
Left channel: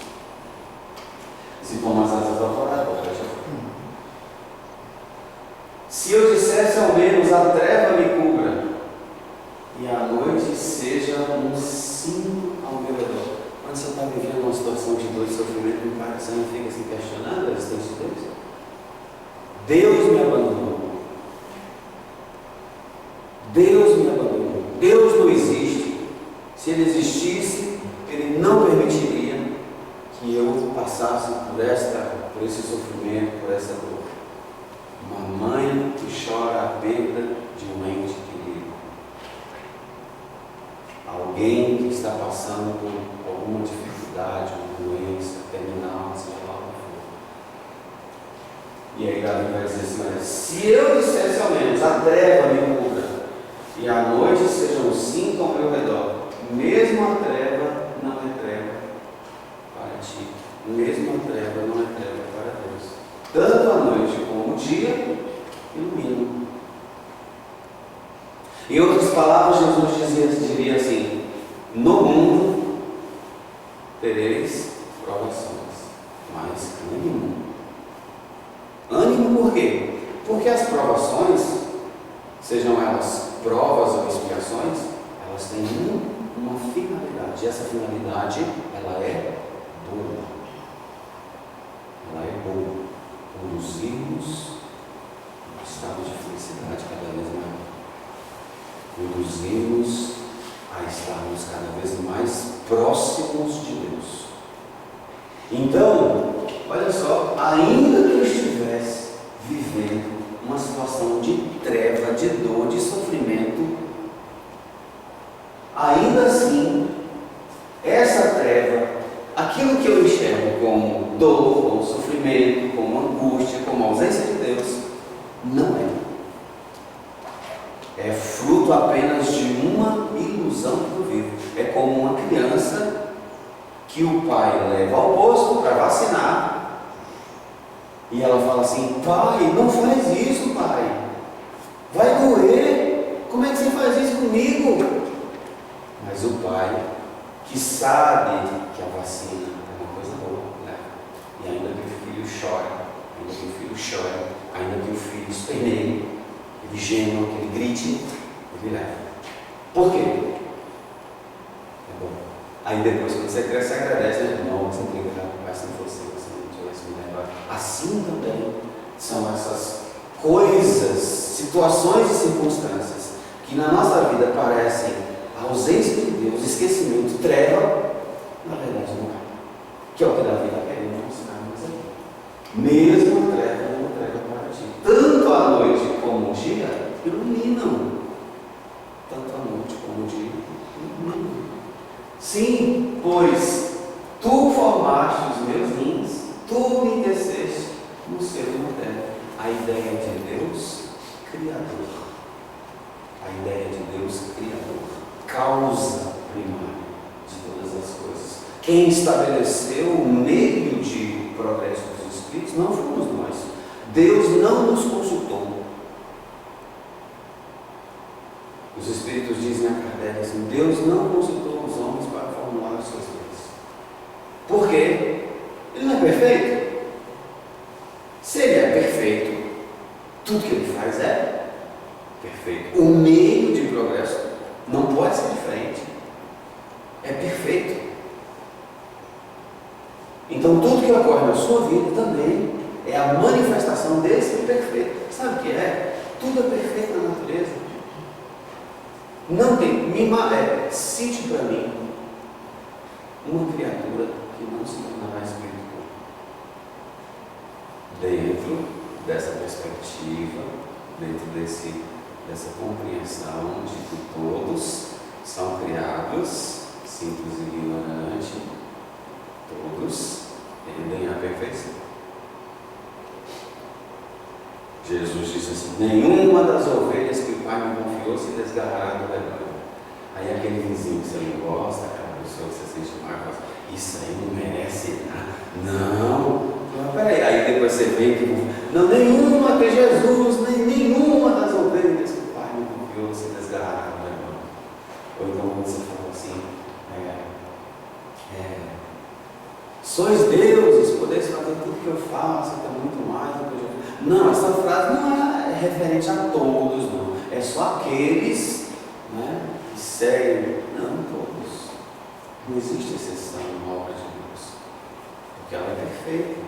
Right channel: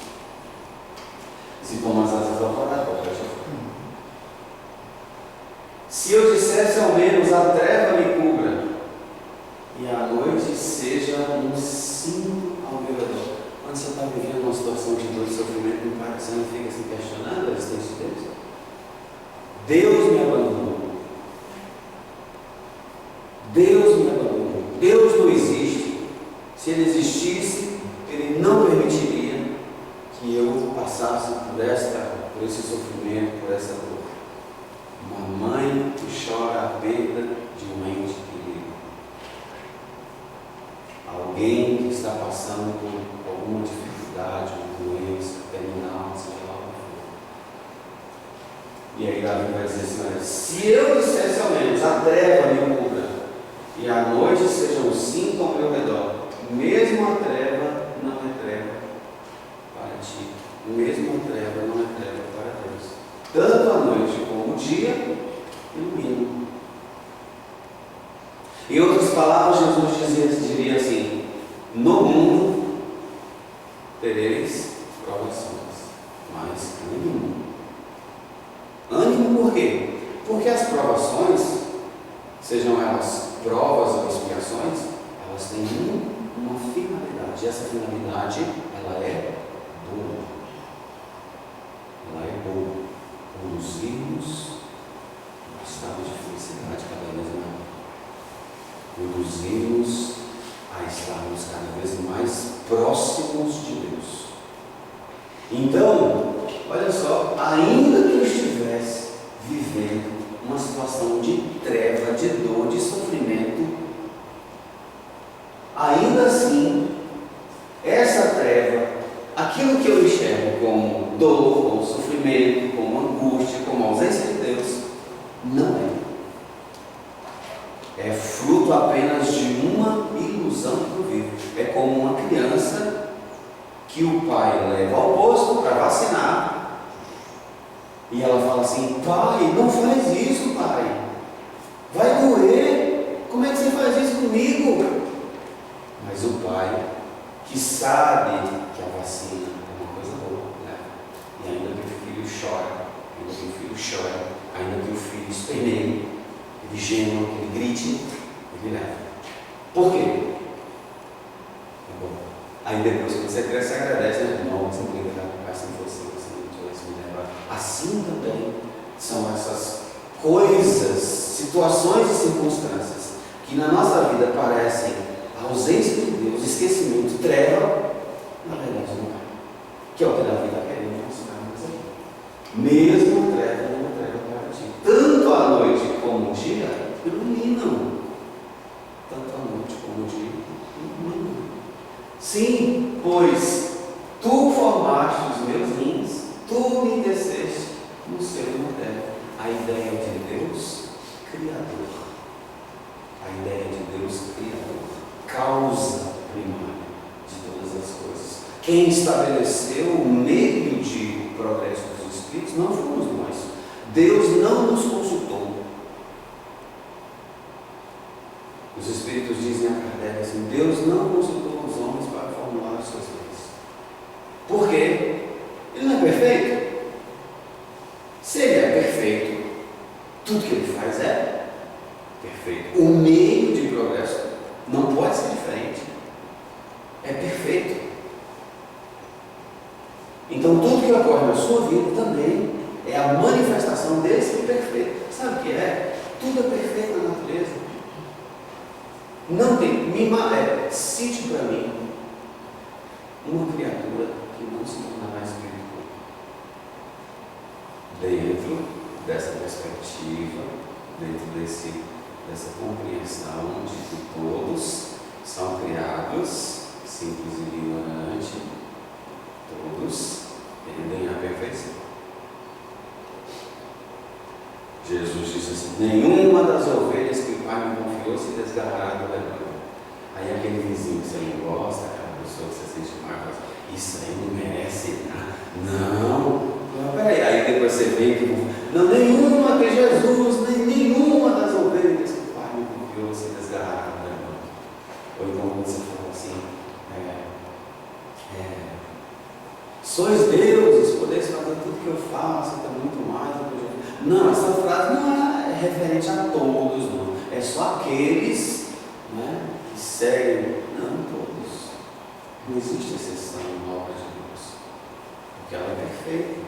Se como as asas do alvorada, se eu dissesse ao menos a treva me cubra e a noite seja um cinto ao meu redor. Quando você está vivendo uma situação de dor e sofrimento, você não fica se questionando a existência de Deus? Deus me abandonou. Deus me abandonou. Deus não existe. Se Ele existisse, Ele não permitiria que eu passasse por esse sofrimento, por essa dor. Uma mãe que chora a perda de um ente querido. Alguém que está passando por alguma dificuldade, uma doença terminal, seja lá o que for. E aí Davi vai dizer assim, olha, se eu dissesse ao menos a treva me cubra e a noite seja um cinto ao meu redor, mesmo a treva não é treva para ti, mesmo a treva não é treva para Deus. Tanto a noite como o dia iluminam. Em outras palavras, Jesus diria assim, no mundo tereis provações, mas ânimo. Ânimo por quê? Porque as provações, sejam elas provas ou expiações, elas têm uma finalidade. E essa finalidade, ela é boa. Ela é boa. Conduzir-nos a um estado de felicidade cada vez maior. Conduzir-nos a estarmos cada vez mais próximos de Deus. Então, olha só, ainda que eu estivesse vivendo uma situação de treva, de dor, de sofrimento, ainda assim, essa treva, aquilo que eu enxergo como dor, como sofrimento, como angústia, como ausência de Deus, não é. É fruto apenas de uma ilusão que eu vivo. É como uma criança que o pai leva ao posto para vacinar e ela fala assim, pai, não faz isso, pai, vai doer, como é que você faz isso comigo? Mas o pai, que sabe que a vacina é uma coisa boa, né? E ainda que o filho chore, ainda que o filho esperneie, ele gema, ele grite, ele leva. Por quê? É bom. Aí depois, quando você cresce, você agradece, né? Não, você coisas, situações e circunstâncias que na nossa vida parecem a ausência de Deus, esquecimento, treva, na verdade não é. Que é o que Davi está querendo mostrar mais aqui. Mesmo a treva é uma treva para ti. Tanto a noite como o dia iluminam. Tanto a noite como o dia iluminam. Sim, pois tu formaste os meus rins, tu me teceste no seio materno. A ideia de Deus Criador. A ideia de Deus Criador. Causa primária de todas as coisas. Quem estabeleceu o meio de progresso dos espíritos não fomos nós. Deus não nos consultou. Os espíritos dizem a Kardec assim: Deus não consultou os homens para formular as suas leis. Por quê? Ele não é perfeito? Se ele é perfeito, tudo que ele faz é perfeito. O meio de progresso não pode ser diferente. É perfeito. Então tudo que ocorre na sua vida também é a manifestação desse perfeito. Sabe o que é? Tudo é perfeito na natureza. Não tem. Cite para mim uma criatura que não se tornará espiritual. Dentro dessa perspectiva, dentro dessa compreensão de que todos são criados, simples e ignorante, todos tendem à perfeição. Jesus disse assim: nenhuma das ovelhas que o Pai me confiou se desgarrará do rebanho. Aí aquele vizinho que você não gosta, aquela pessoa que você sente mal, fala: isso aí não merece nada. Não, peraí. Aí depois você vê que não, nenhuma que Jesus, nenhuma das ovelhas que o Pai me confiou se desgarrará do rebanho. Ou então quando você fala assim: sois deuses, podeis fazer tudo que eu faço, até muito mais do que eu já fiz. Não, essa frase não é referente a todos, não. É só aqueles, né, que seguem. Não todos. Não existe exceção na obra de Deus, porque ela é perfeita.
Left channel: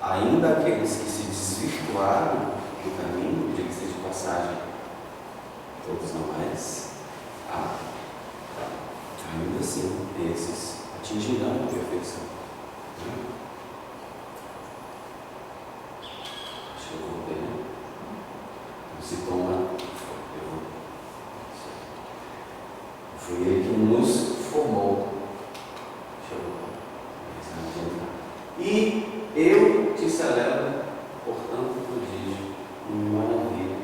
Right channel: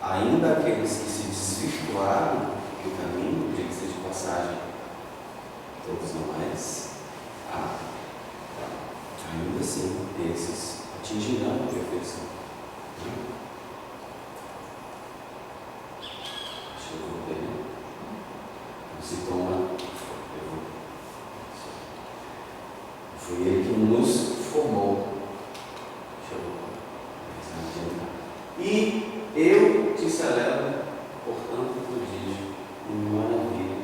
Ainda aqueles que se desvirtuaram do caminho, diga-se de passagem, todos não mais, ainda assim, esses atingirão a perfeição. Deixa eu ver. Não se toma. Foi ele que nos formou. Deixa eu ver. E eu te celebro, portanto, prodígio, em maravilha,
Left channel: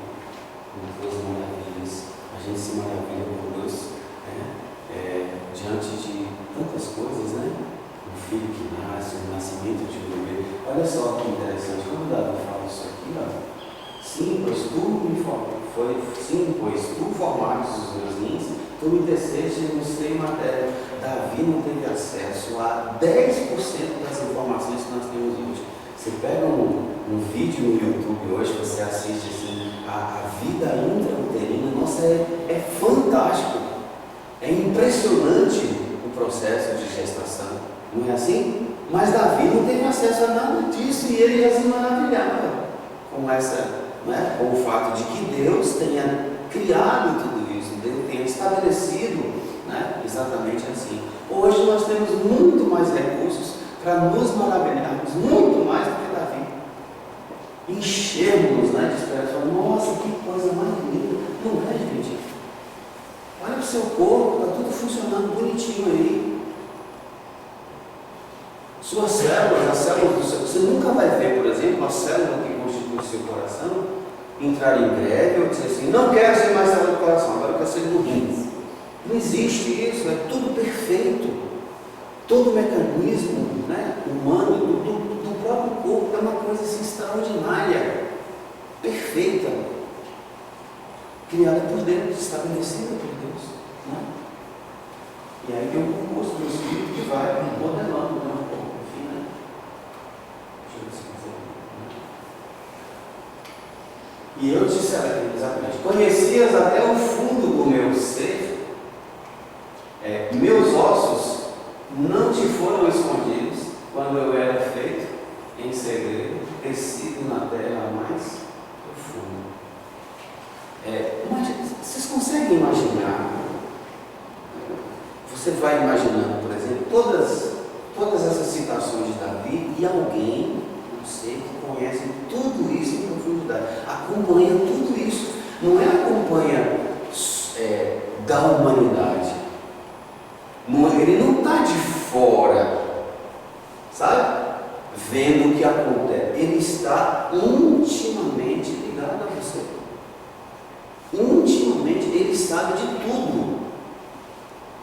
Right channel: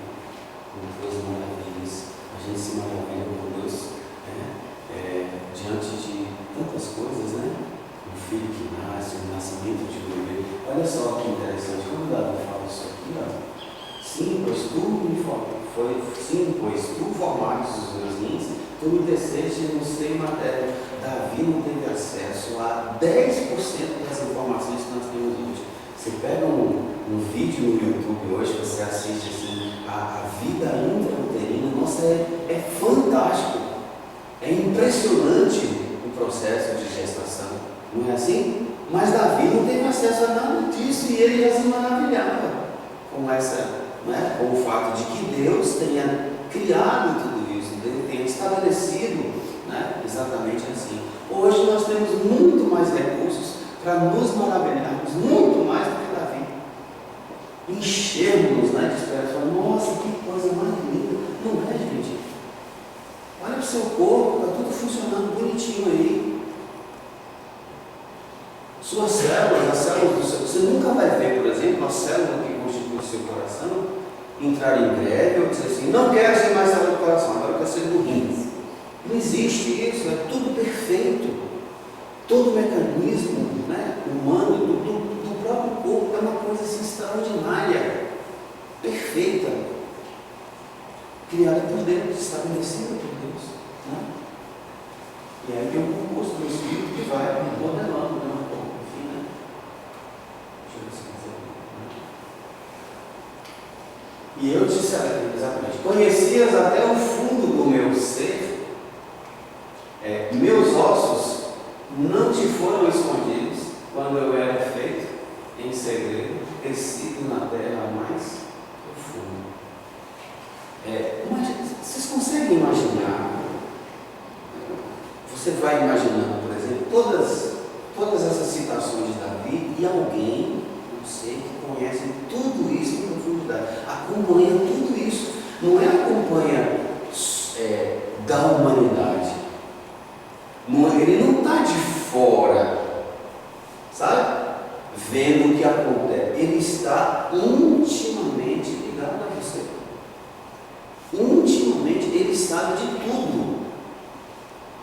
com tuas maravilhas. A gente se maravilha por Deus, diante de tantas coisas, né? Um filho que nasce, um nascimento de um bebê. Olha só que interessante, quando Davi fala isso aqui, sim, pois tu formaste os meus rins, tu me teceste no seio materno. Davi não teve acesso a 10% das informações que nós temos hoje. Você pega um vídeo no YouTube hoje, você assiste assim, a vida intrauterina, nossa, é fantástico. É impressionante o processo de gestação, não é assim? Mas Davi não teve acesso a nada disso e ele já se maravilhava com essa, né, com o fato de que Deus tenha criado tudo isso, Deus tenha estabelecido, né, exatamente assim. Hoje nós temos muito mais recursos para nos maravilharmos, muito mais do que Davi. Enchermos, né, de esperança, nossa, que coisa mais linda. Não é, gente? Olha para o seu corpo, está tudo funcionando bonitinho aí. Suas células, as células do seu... Você nunca vai ver, por exemplo, a célula que constitui o seu coração entrar em greve ou dizer assim: não quero ser mais célula do coração, agora eu quero ser do rins. Não existe isso, é tudo perfeito. Todo o mecanismo, né, humano, do próprio corpo é uma coisa assim, extraordinária, perfeita, criada por Deus, estabelecida por Deus. Né? E aí tem um concurso do Espírito que vai modelando, né? Enfim, né? Deixa eu ver se eu consigo. E eu disse exatamente: conhecias até o fundo do meu ser, meus ossos não te foram escondidos quando eu era feito em segredo, tecido na terra há mais profundo. Vocês conseguem imaginar? Você vai imaginando, por exemplo, todas essas citações de Davi e alguém, não sei, que conhece tudo isso em profundidade, acompanha tudo isso, não acompanha da humanidade, ele não está de fora, sabe? Vendo o que acontece, ele está intimamente ligado a você, intimamente, ele sabe de tudo.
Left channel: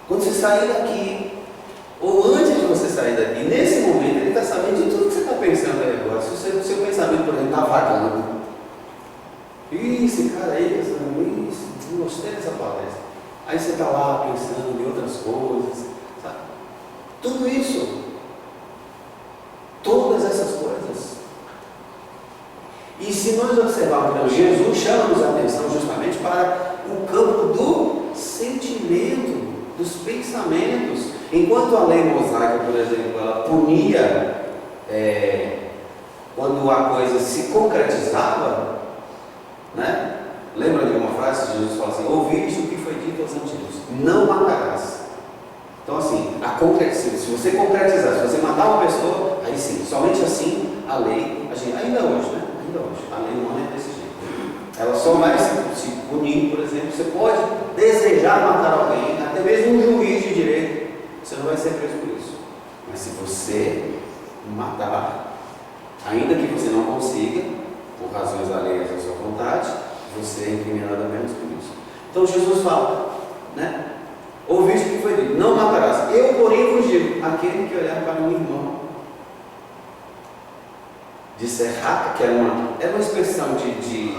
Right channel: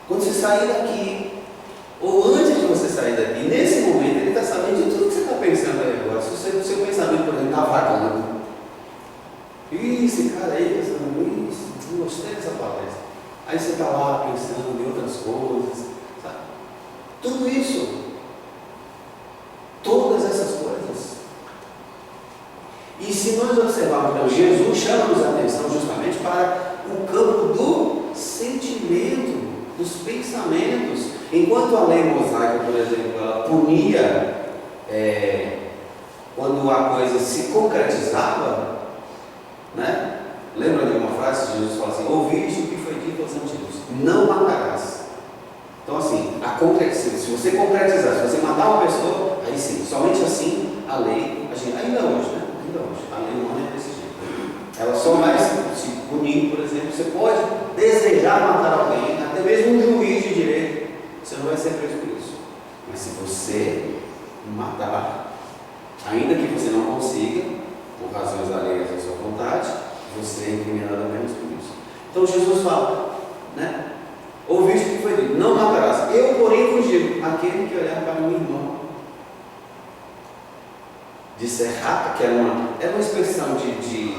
Quando você sair daqui, ou antes de você sair daqui, nesse momento ele está sabendo de tudo que você está pensando aí agora. Se o seu pensamento, por exemplo, está vagando, esse cara aí, não gostei dessa palestra. Aí você está lá pensando em outras coisas, sabe? Tudo isso, todas essas coisas. E se nós observarmos, então, Jesus chama-nos a atenção justamente para o campo do sentimento, dos pensamentos. Enquanto a lei mosaica, por exemplo, ela punia quando a coisa se concretizava, né? Lembra de uma frase que Jesus fala assim: ouviste o que foi dito aos antigos, não matarás. Então assim, se você concretizar, se você matar uma pessoa, aí sim, somente assim a lei, ainda hoje, né? Ainda hoje, a lei não é desse jeito. Ela só vai se punir, por exemplo, você pode desejar matar alguém, até mesmo um juiz de direito, você não vai ser preso por isso. Mas se você matar, ainda que você não consiga, por razões alheias à sua vontade, você é incriminado apenas por isso. Então Jesus fala, né? Ouviste o que foi dito, não matarás. Eu, porém, vos digo, aquele que olhar para um irmão, disser rata, que era uma expressão de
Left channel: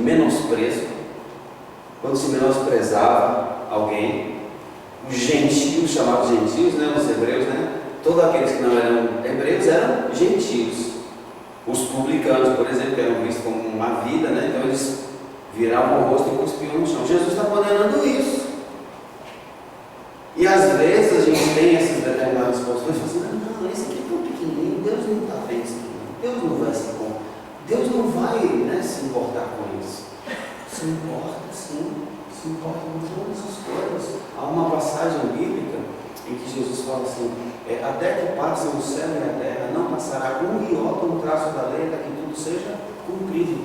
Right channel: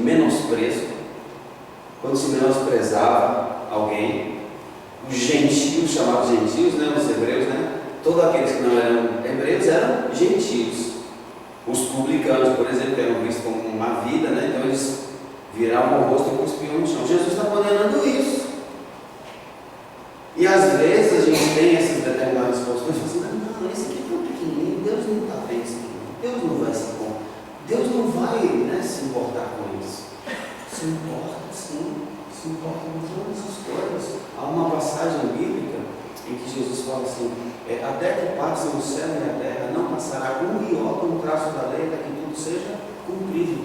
menosprezo, quando se menosprezava alguém. Os gentios, chamados gentios, né, os hebreus, né, todos aqueles que não eram hebreus eram gentios. Os publicanos, por exemplo, que eram vistos como uma vida, né, então eles viravam o rosto e cuspiam no chão. Jesus está condenando isso. E às vezes a gente tem essas determinadas posições e fala assim: não, esse aqui é tão pequenininho, Deus não está vendo isso aqui. Deus não vai se importar. Deus não vai, né, se importar com isso. Se importa, sim. Se importa com todas essas coisas. Há uma passagem bíblica em que Jesus fala assim: até que passem o céu e a terra, não passará um iota, um traço da lei, até que tudo seja cumprido.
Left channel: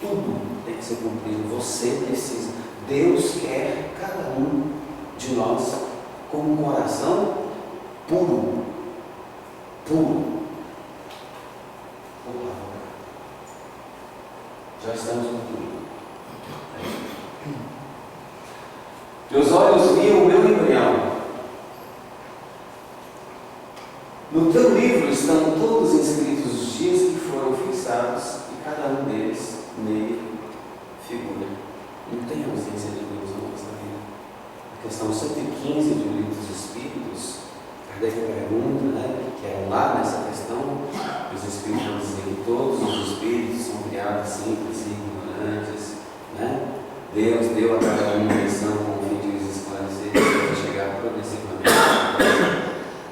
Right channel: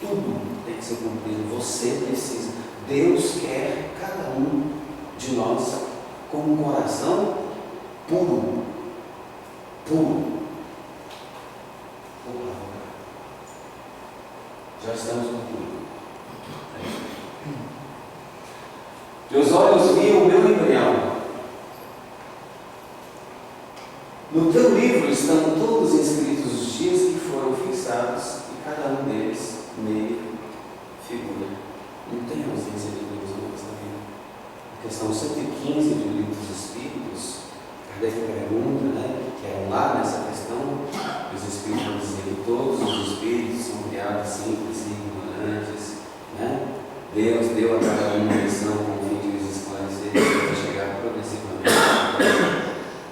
Tudo tem que ser cumprido. Você precisa. Deus quer cada um de nós com um coração puro. Puro. Já estamos concluindo. Teus olhos viam o meu embrião. No teu livro estão todos inscritos os dias que foram fixados, e cada um deles nele figura. Não tem ausência de Deus na nossa vida. A questão 115 do Livro dos Espíritos, Kardec pergunta, né, que é lá nessa questão, os Espíritos vão dizer que todos os Espíritos são criados simples e ignorantes, né? Deus deu a cada um uma missão com o fim de os esclarecer e chegar progressivamente.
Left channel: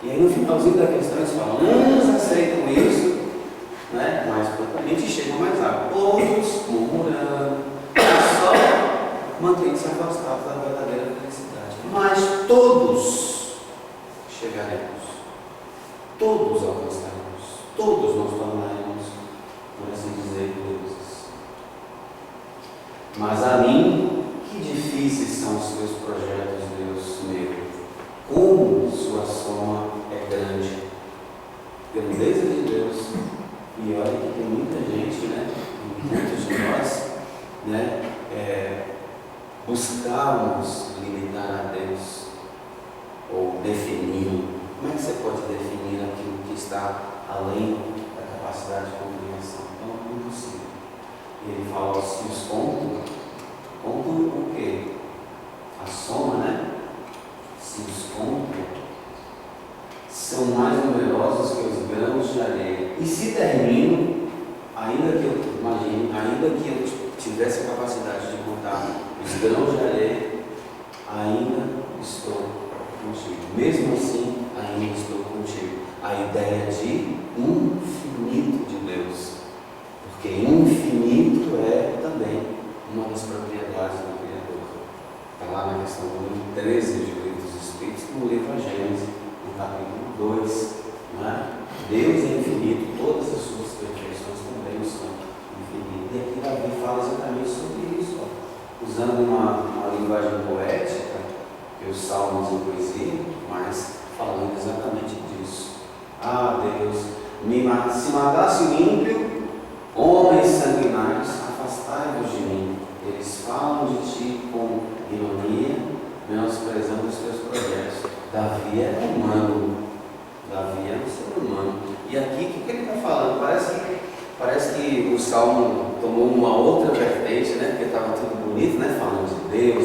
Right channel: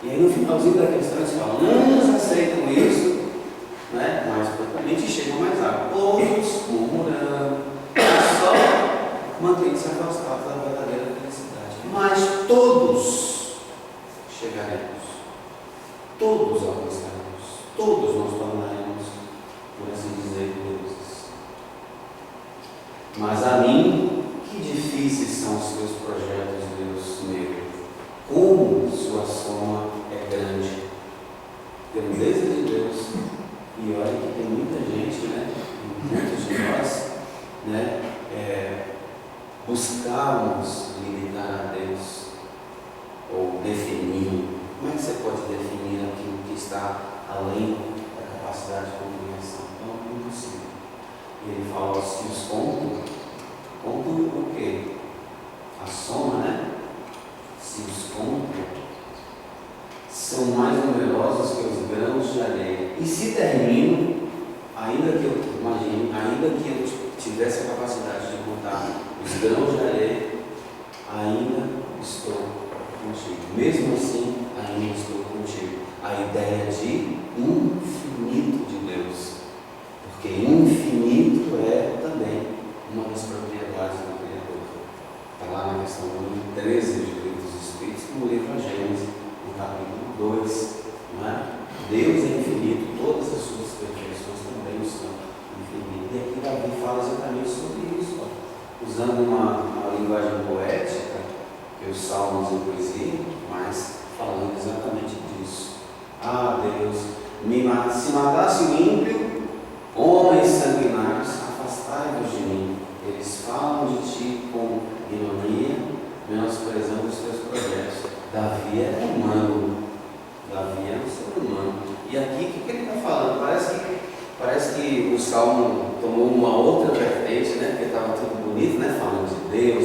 E aí no finalzinho da questão eles falam: uns aceitam isso, né, mais prontamente e chegam mais rápido. Outros, murmurando, só mantêm-se afastados da verdadeira felicidade. Mas todos chegaremos, todos alcançaremos, todos nos tornaremos, por assim dizer, deuses. Mas a mim, que difíceis são os seus projetos, Deus meu. Como sua soma é grande. Grandeza de Deus. E olha que tem muita gente, né? Muitos de nós, né? Buscarmos limitar a Deus ou definir. Como é que você pode definir aquilo que está além da capacidade de compreensão? Então, impossível. E ele fala: se os contam o quê? A soma, né? Se os contam, são mais numerosos que os grãos de areia. E se termino, ainda que eu tivesse a capacidade de contar os grãos de areia, ainda estou contigo. Mesmo assim, ainda estou contigo. A ideia de infinito de Deus. porque infinito é também uma das propriedades do Criador. Está lá na questão número 13 de Livro dos Espíritos, no livro de Gênesis, no capítulo 2. Não é? Deus é infinito, todas as suas perfeições também são infinitas. E aqui Davi fala exatamente sobre isso, usando uma linguagem poética, que os salmos em poesia, mas falando exatamente disso. Ah, Deus, se matasse o ímpio, homens sanguinários, afastai-vos de mim. Eles falam de ti com ironia, menosprezando os teus projetos. Davi é humano. Davi é um ser humano. E aqui, o que ele está falando? Parece que o Salmo tomou uma outra vertente, né? Porque estava tudo bonito, né? Falando de Deus,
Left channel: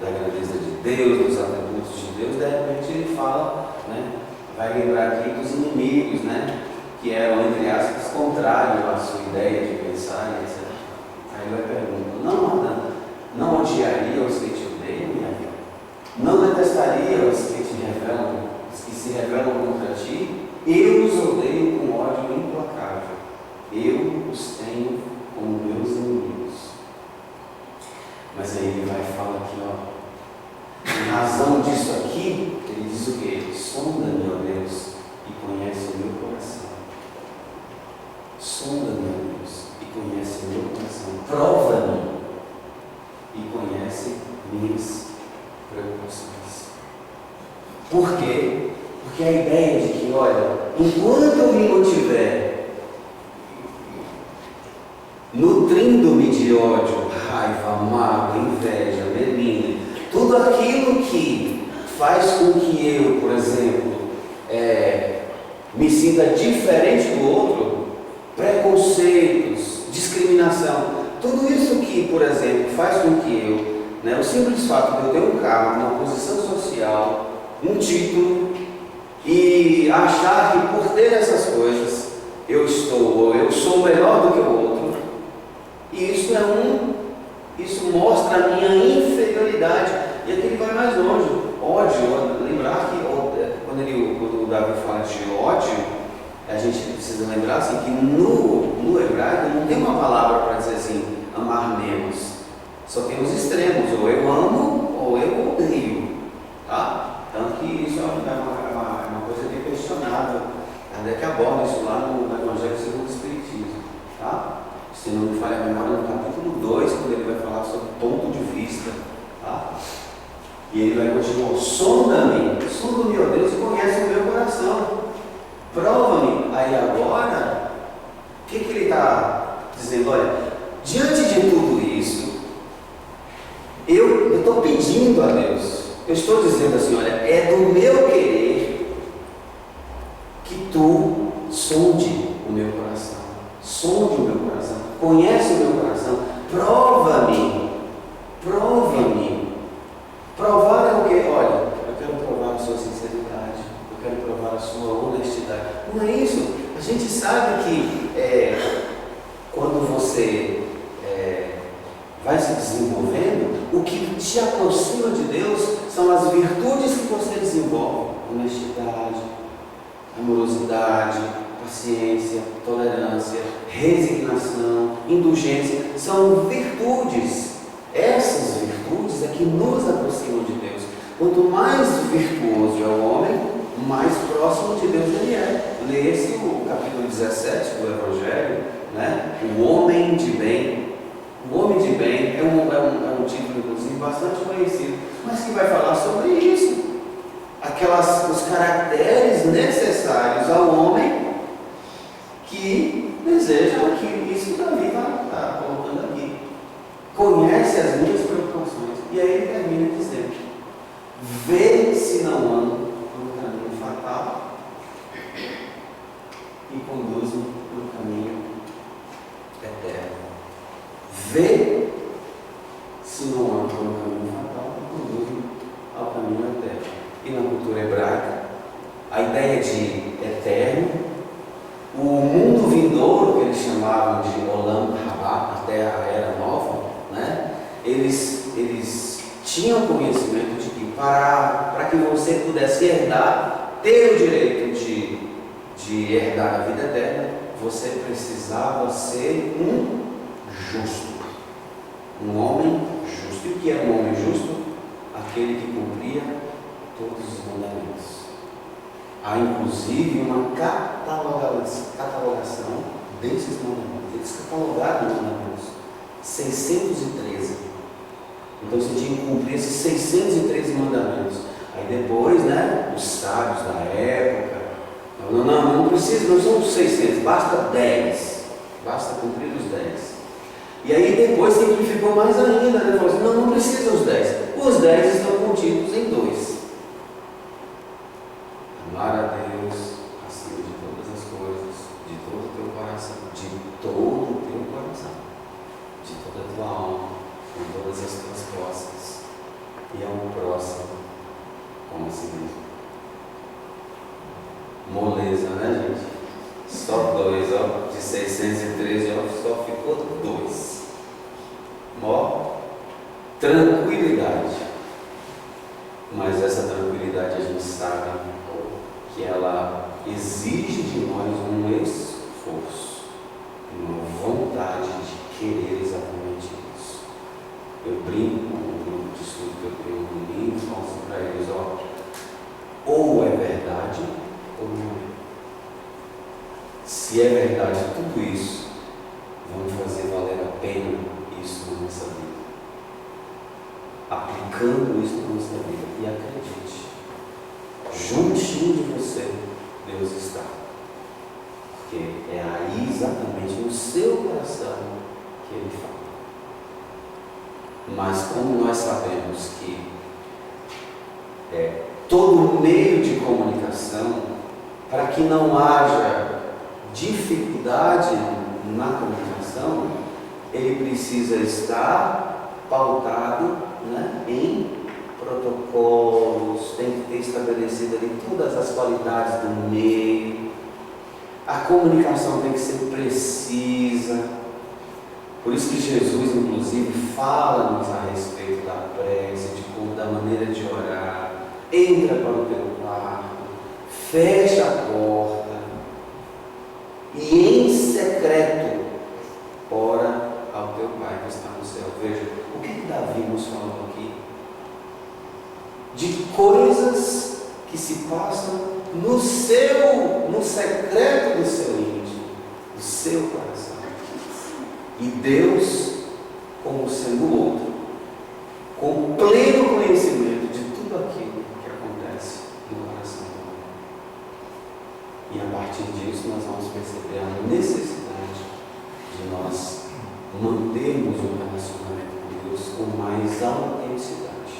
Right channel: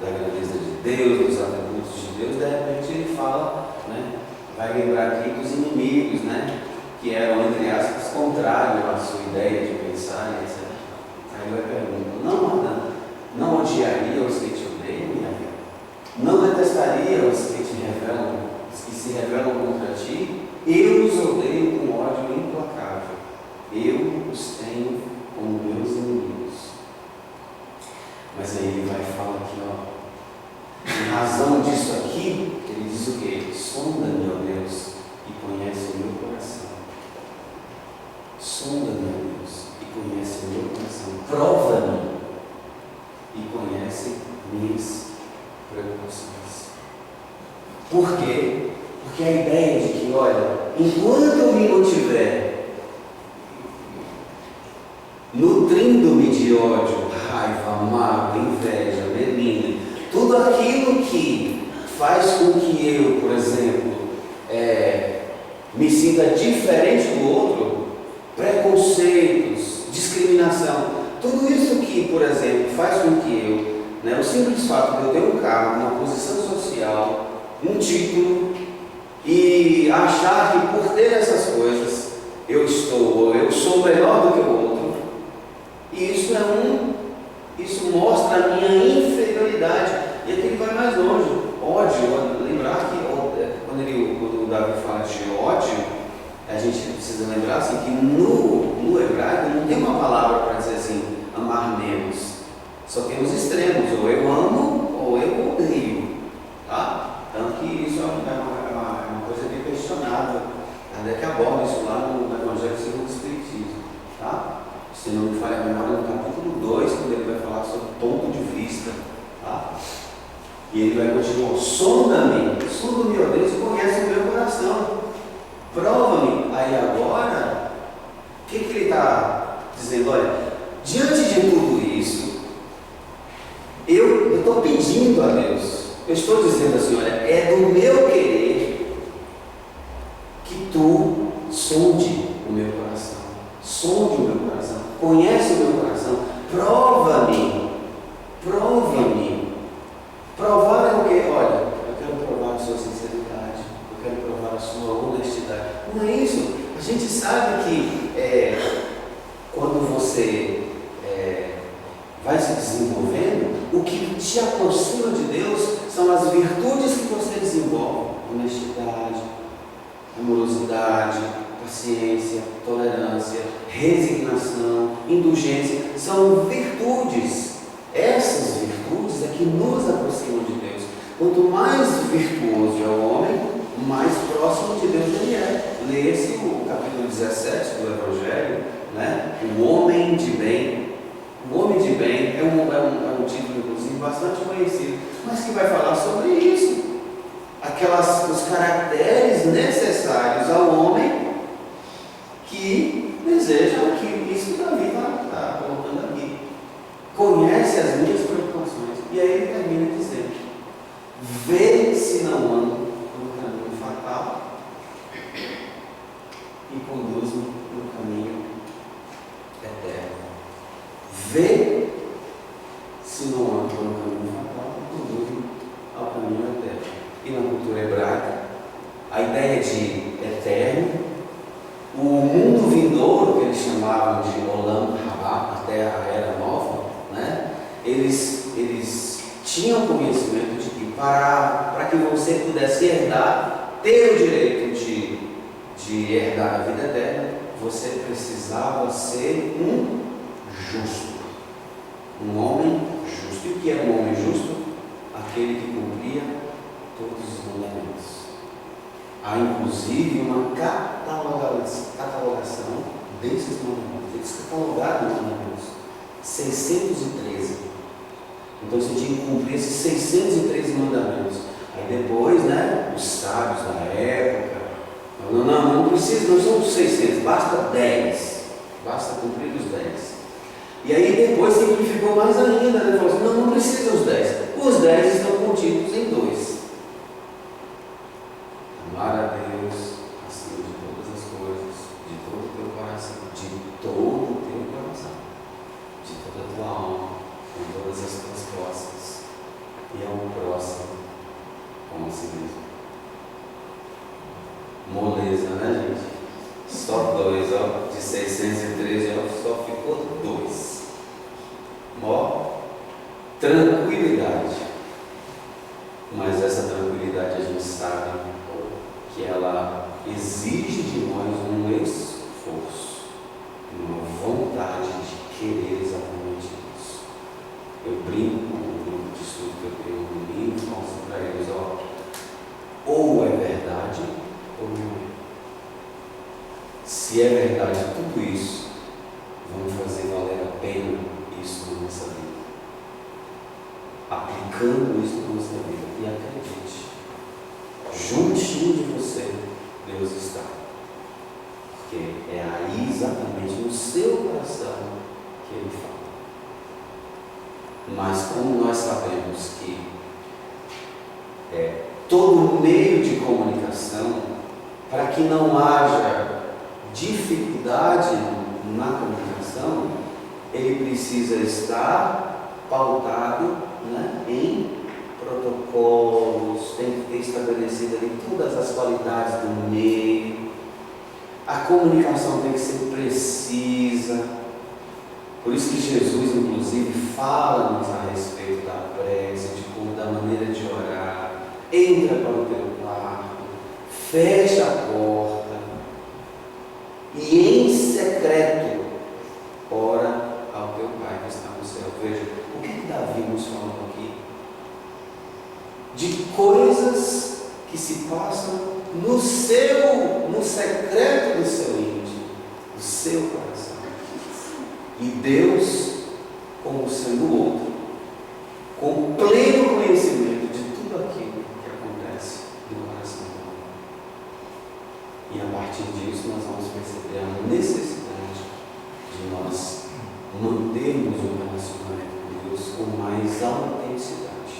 da grandeza de Deus, dos atributos de Deus. De repente ele fala, né? Vai lembrar aqui dos inimigos, né? Que eram, entre aspas, contrários à sua ideia de pensar, etc. Aí ele vai perguntar: não odiaria os que te odeiam, minha vida? Não detestaria os que te revelam, os que se revelam contra ti? Eu os odeio com ódio implacável. Eu os tenho como meus inimigos. Mas aí ele vai falar aqui, em razão disso aqui, ele diz o quê? Sonda-me, ó Deus, e conhece o meu coração. Sonda-me, ó Deus, e conhece o meu coração. Prova-me e conhece minhas preocupações. Por quê? Porque a ideia de que, olha, enquanto eu me mantiver nutrindo-me de ódio, raiva, mágoa, inveja, melindre, tudo aquilo que faz com que eu, por exemplo, me sinta diferente do outro, preconceitos, discriminação, tudo isso que, por exemplo, faz com que eu, o simples fato de eu ter um cargo, uma posição social, um título, e achar que por ter essas coisas eu sou melhor do que o outro, e isso mostra a minha inferioridade. E aqui ele vai mais longe. Ódio, lembrar que quando o Davi fala de ódio, a gente precisa lembrar assim, que no hebraico não tem uma palavra para dizer assim, amar menos. Só tem os extremos, ou eu amo ou eu odeio. Tá? Tanto que isso é uma coisa bem questionável. Até que aborda isso lá no Evangelho segundo o Espiritismo. Tá? Se não me falha a memória, no capítulo 2, quando ele vai falar sobre ponto de vista. Tá? E ele vai continuar: sonda-me, ó Deus, e conhece o meu coração. Prova-me. Aí agora, o que ele está dizendo? Olha, diante de tudo isso, eu estou pedindo a Deus, eu estou dizendo assim: olha, é do meu querer que tu sonde o meu coração. Sonde o meu coração, conhece o meu coração, prova-me. Provar é o quê? Olha, eu quero provar a sua sinceridade, eu quero provar a sua honestidade. Não é isso? A gente sabe que quando você vai se desenvolvendo, o que te aproxima de Deus são as virtudes que você desenvolve: honestidade, amorosidade, paciência, tolerância, resignação, indulgência. São virtudes. Essas virtudes é que nos aproximam de Deus. Quanto mais virtuoso é o homem, mais próximo de Deus ele é. Leia-se o capítulo 17 do Evangelho, né? O homem de bem. O homem de bem é um título, inclusive, bastante conhecido, mas que vai falar sobre isso. Os caracteres necessários ao homem que deseja isso que Davi está colocando aqui. Conhece as minhas preocupações. E aí ele termina dizendo: vê se não ando por um caminho fatal e conduz-me por um caminho eterno. Vê se não ando por um caminho fatal e conduz-me ao caminho eterno. E na cultura hebraica, a ideia de eterno, o mundo vindouro, que eles chamavam de Olam Rabá, até a Era Nova, né? Eles tinham conhecimento de que para que você pudesse herdar, ter o direito de herdar a vida eterna, você precisava ser um justo. Um homem justo. E o que é um homem justo? Aquele que cumpria todos os mandamentos. Há inclusive uma catalogação desses mandamentos. Eles catalogaram os mandamentos. 613. Então você tinha que cumprir esses 613 mandamentos. Aí depois, os sábios da época, não precisa, não são 600, basta 10. Basta cumprir os 10. E aí depois simplificou mais ainda, falou assim, não precisa os 10. Os 10 estão contidos em 2. Amar a Deus acima de todas as coisas, de todo o teu coração, de todo o teu coração, de toda a tua alma, com todas as tuas forças, e ao próximo como a si mesmo. Moleza, né, gente? Só 2, de 613, só ficou 2. Tranquilidade. Mas essa tranquilidade a gente sabe que ela exige de nós um esforço, uma vontade de querer exatamente isso. Eu brinco com o grupo de estudo que eu tenho no domingo, mostro para eles, ou é verdade ou não é. Se é verdade tudo isso, vamos fazer valer a pena isso na nossa vida. Aplicando isso na nossa vida. E acredite, juntinho de você, Deus está. Porque é aí exatamente no seu coração que Ele fala. Mas como nós sabemos que todo meio de comunicação, para que não haja dificuldade na comunicação, ele precisa estar pautado em protocolos, tem que ter estabelecido ali todas as qualidades do meio, a comunicação tem que ser precisa. Por isso que Jesus, inclusive, fala-nos a respeito da prece, da maneira de orar. Entra para o teu quarto, fecha a porta e em secreto ora ao teu Pai que está no céu. Veja, o que Davi nos falou aqui? De coisas que se passam no secreto do seu íntimo, do seu coração. E Deus, como sendo outro, com pleno conhecimento de tudo aquilo que acontece no coração do homem. E a partir disso nós vamos perceber a necessidade de nós mantermos um relacionamento com Deus com mais autenticidade.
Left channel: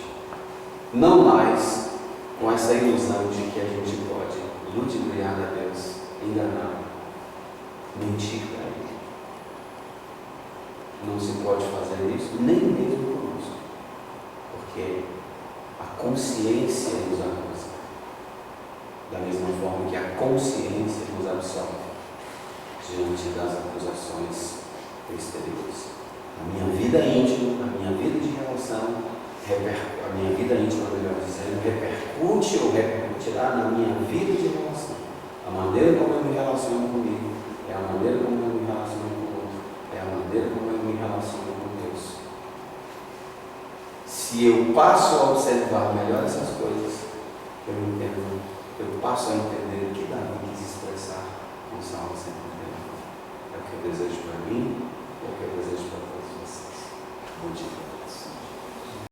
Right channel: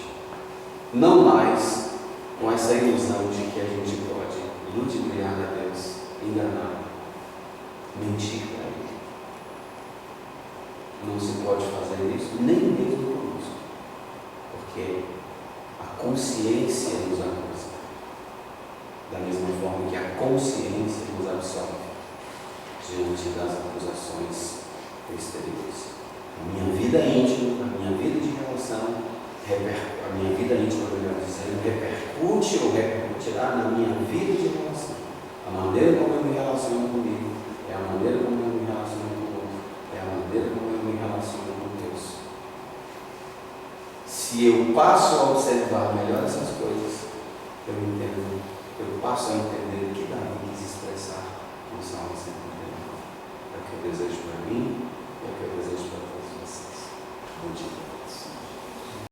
Não mais com essa ilusão de que a gente pode ludibriar a Deus, enganar, mentir para Ele. Não se pode fazer isso, nem mesmo conosco, porque a consciência nos acusa, da mesma forma que a consciência nos absolve diante das acusações exteriores. A minha vida íntima, a minha vida de relação, a minha vida íntima, melhor dizendo, repercute ou repercutirá na minha vida de relação. A maneira como eu me relaciono comigo é a maneira como eu me relaciono com o outro, é a maneira como eu me relaciono com Deus. Se eu passo a observar melhor essas coisas, eu passo a entender o que Davi quis expressar no Salmo 139. É o que eu desejo para mim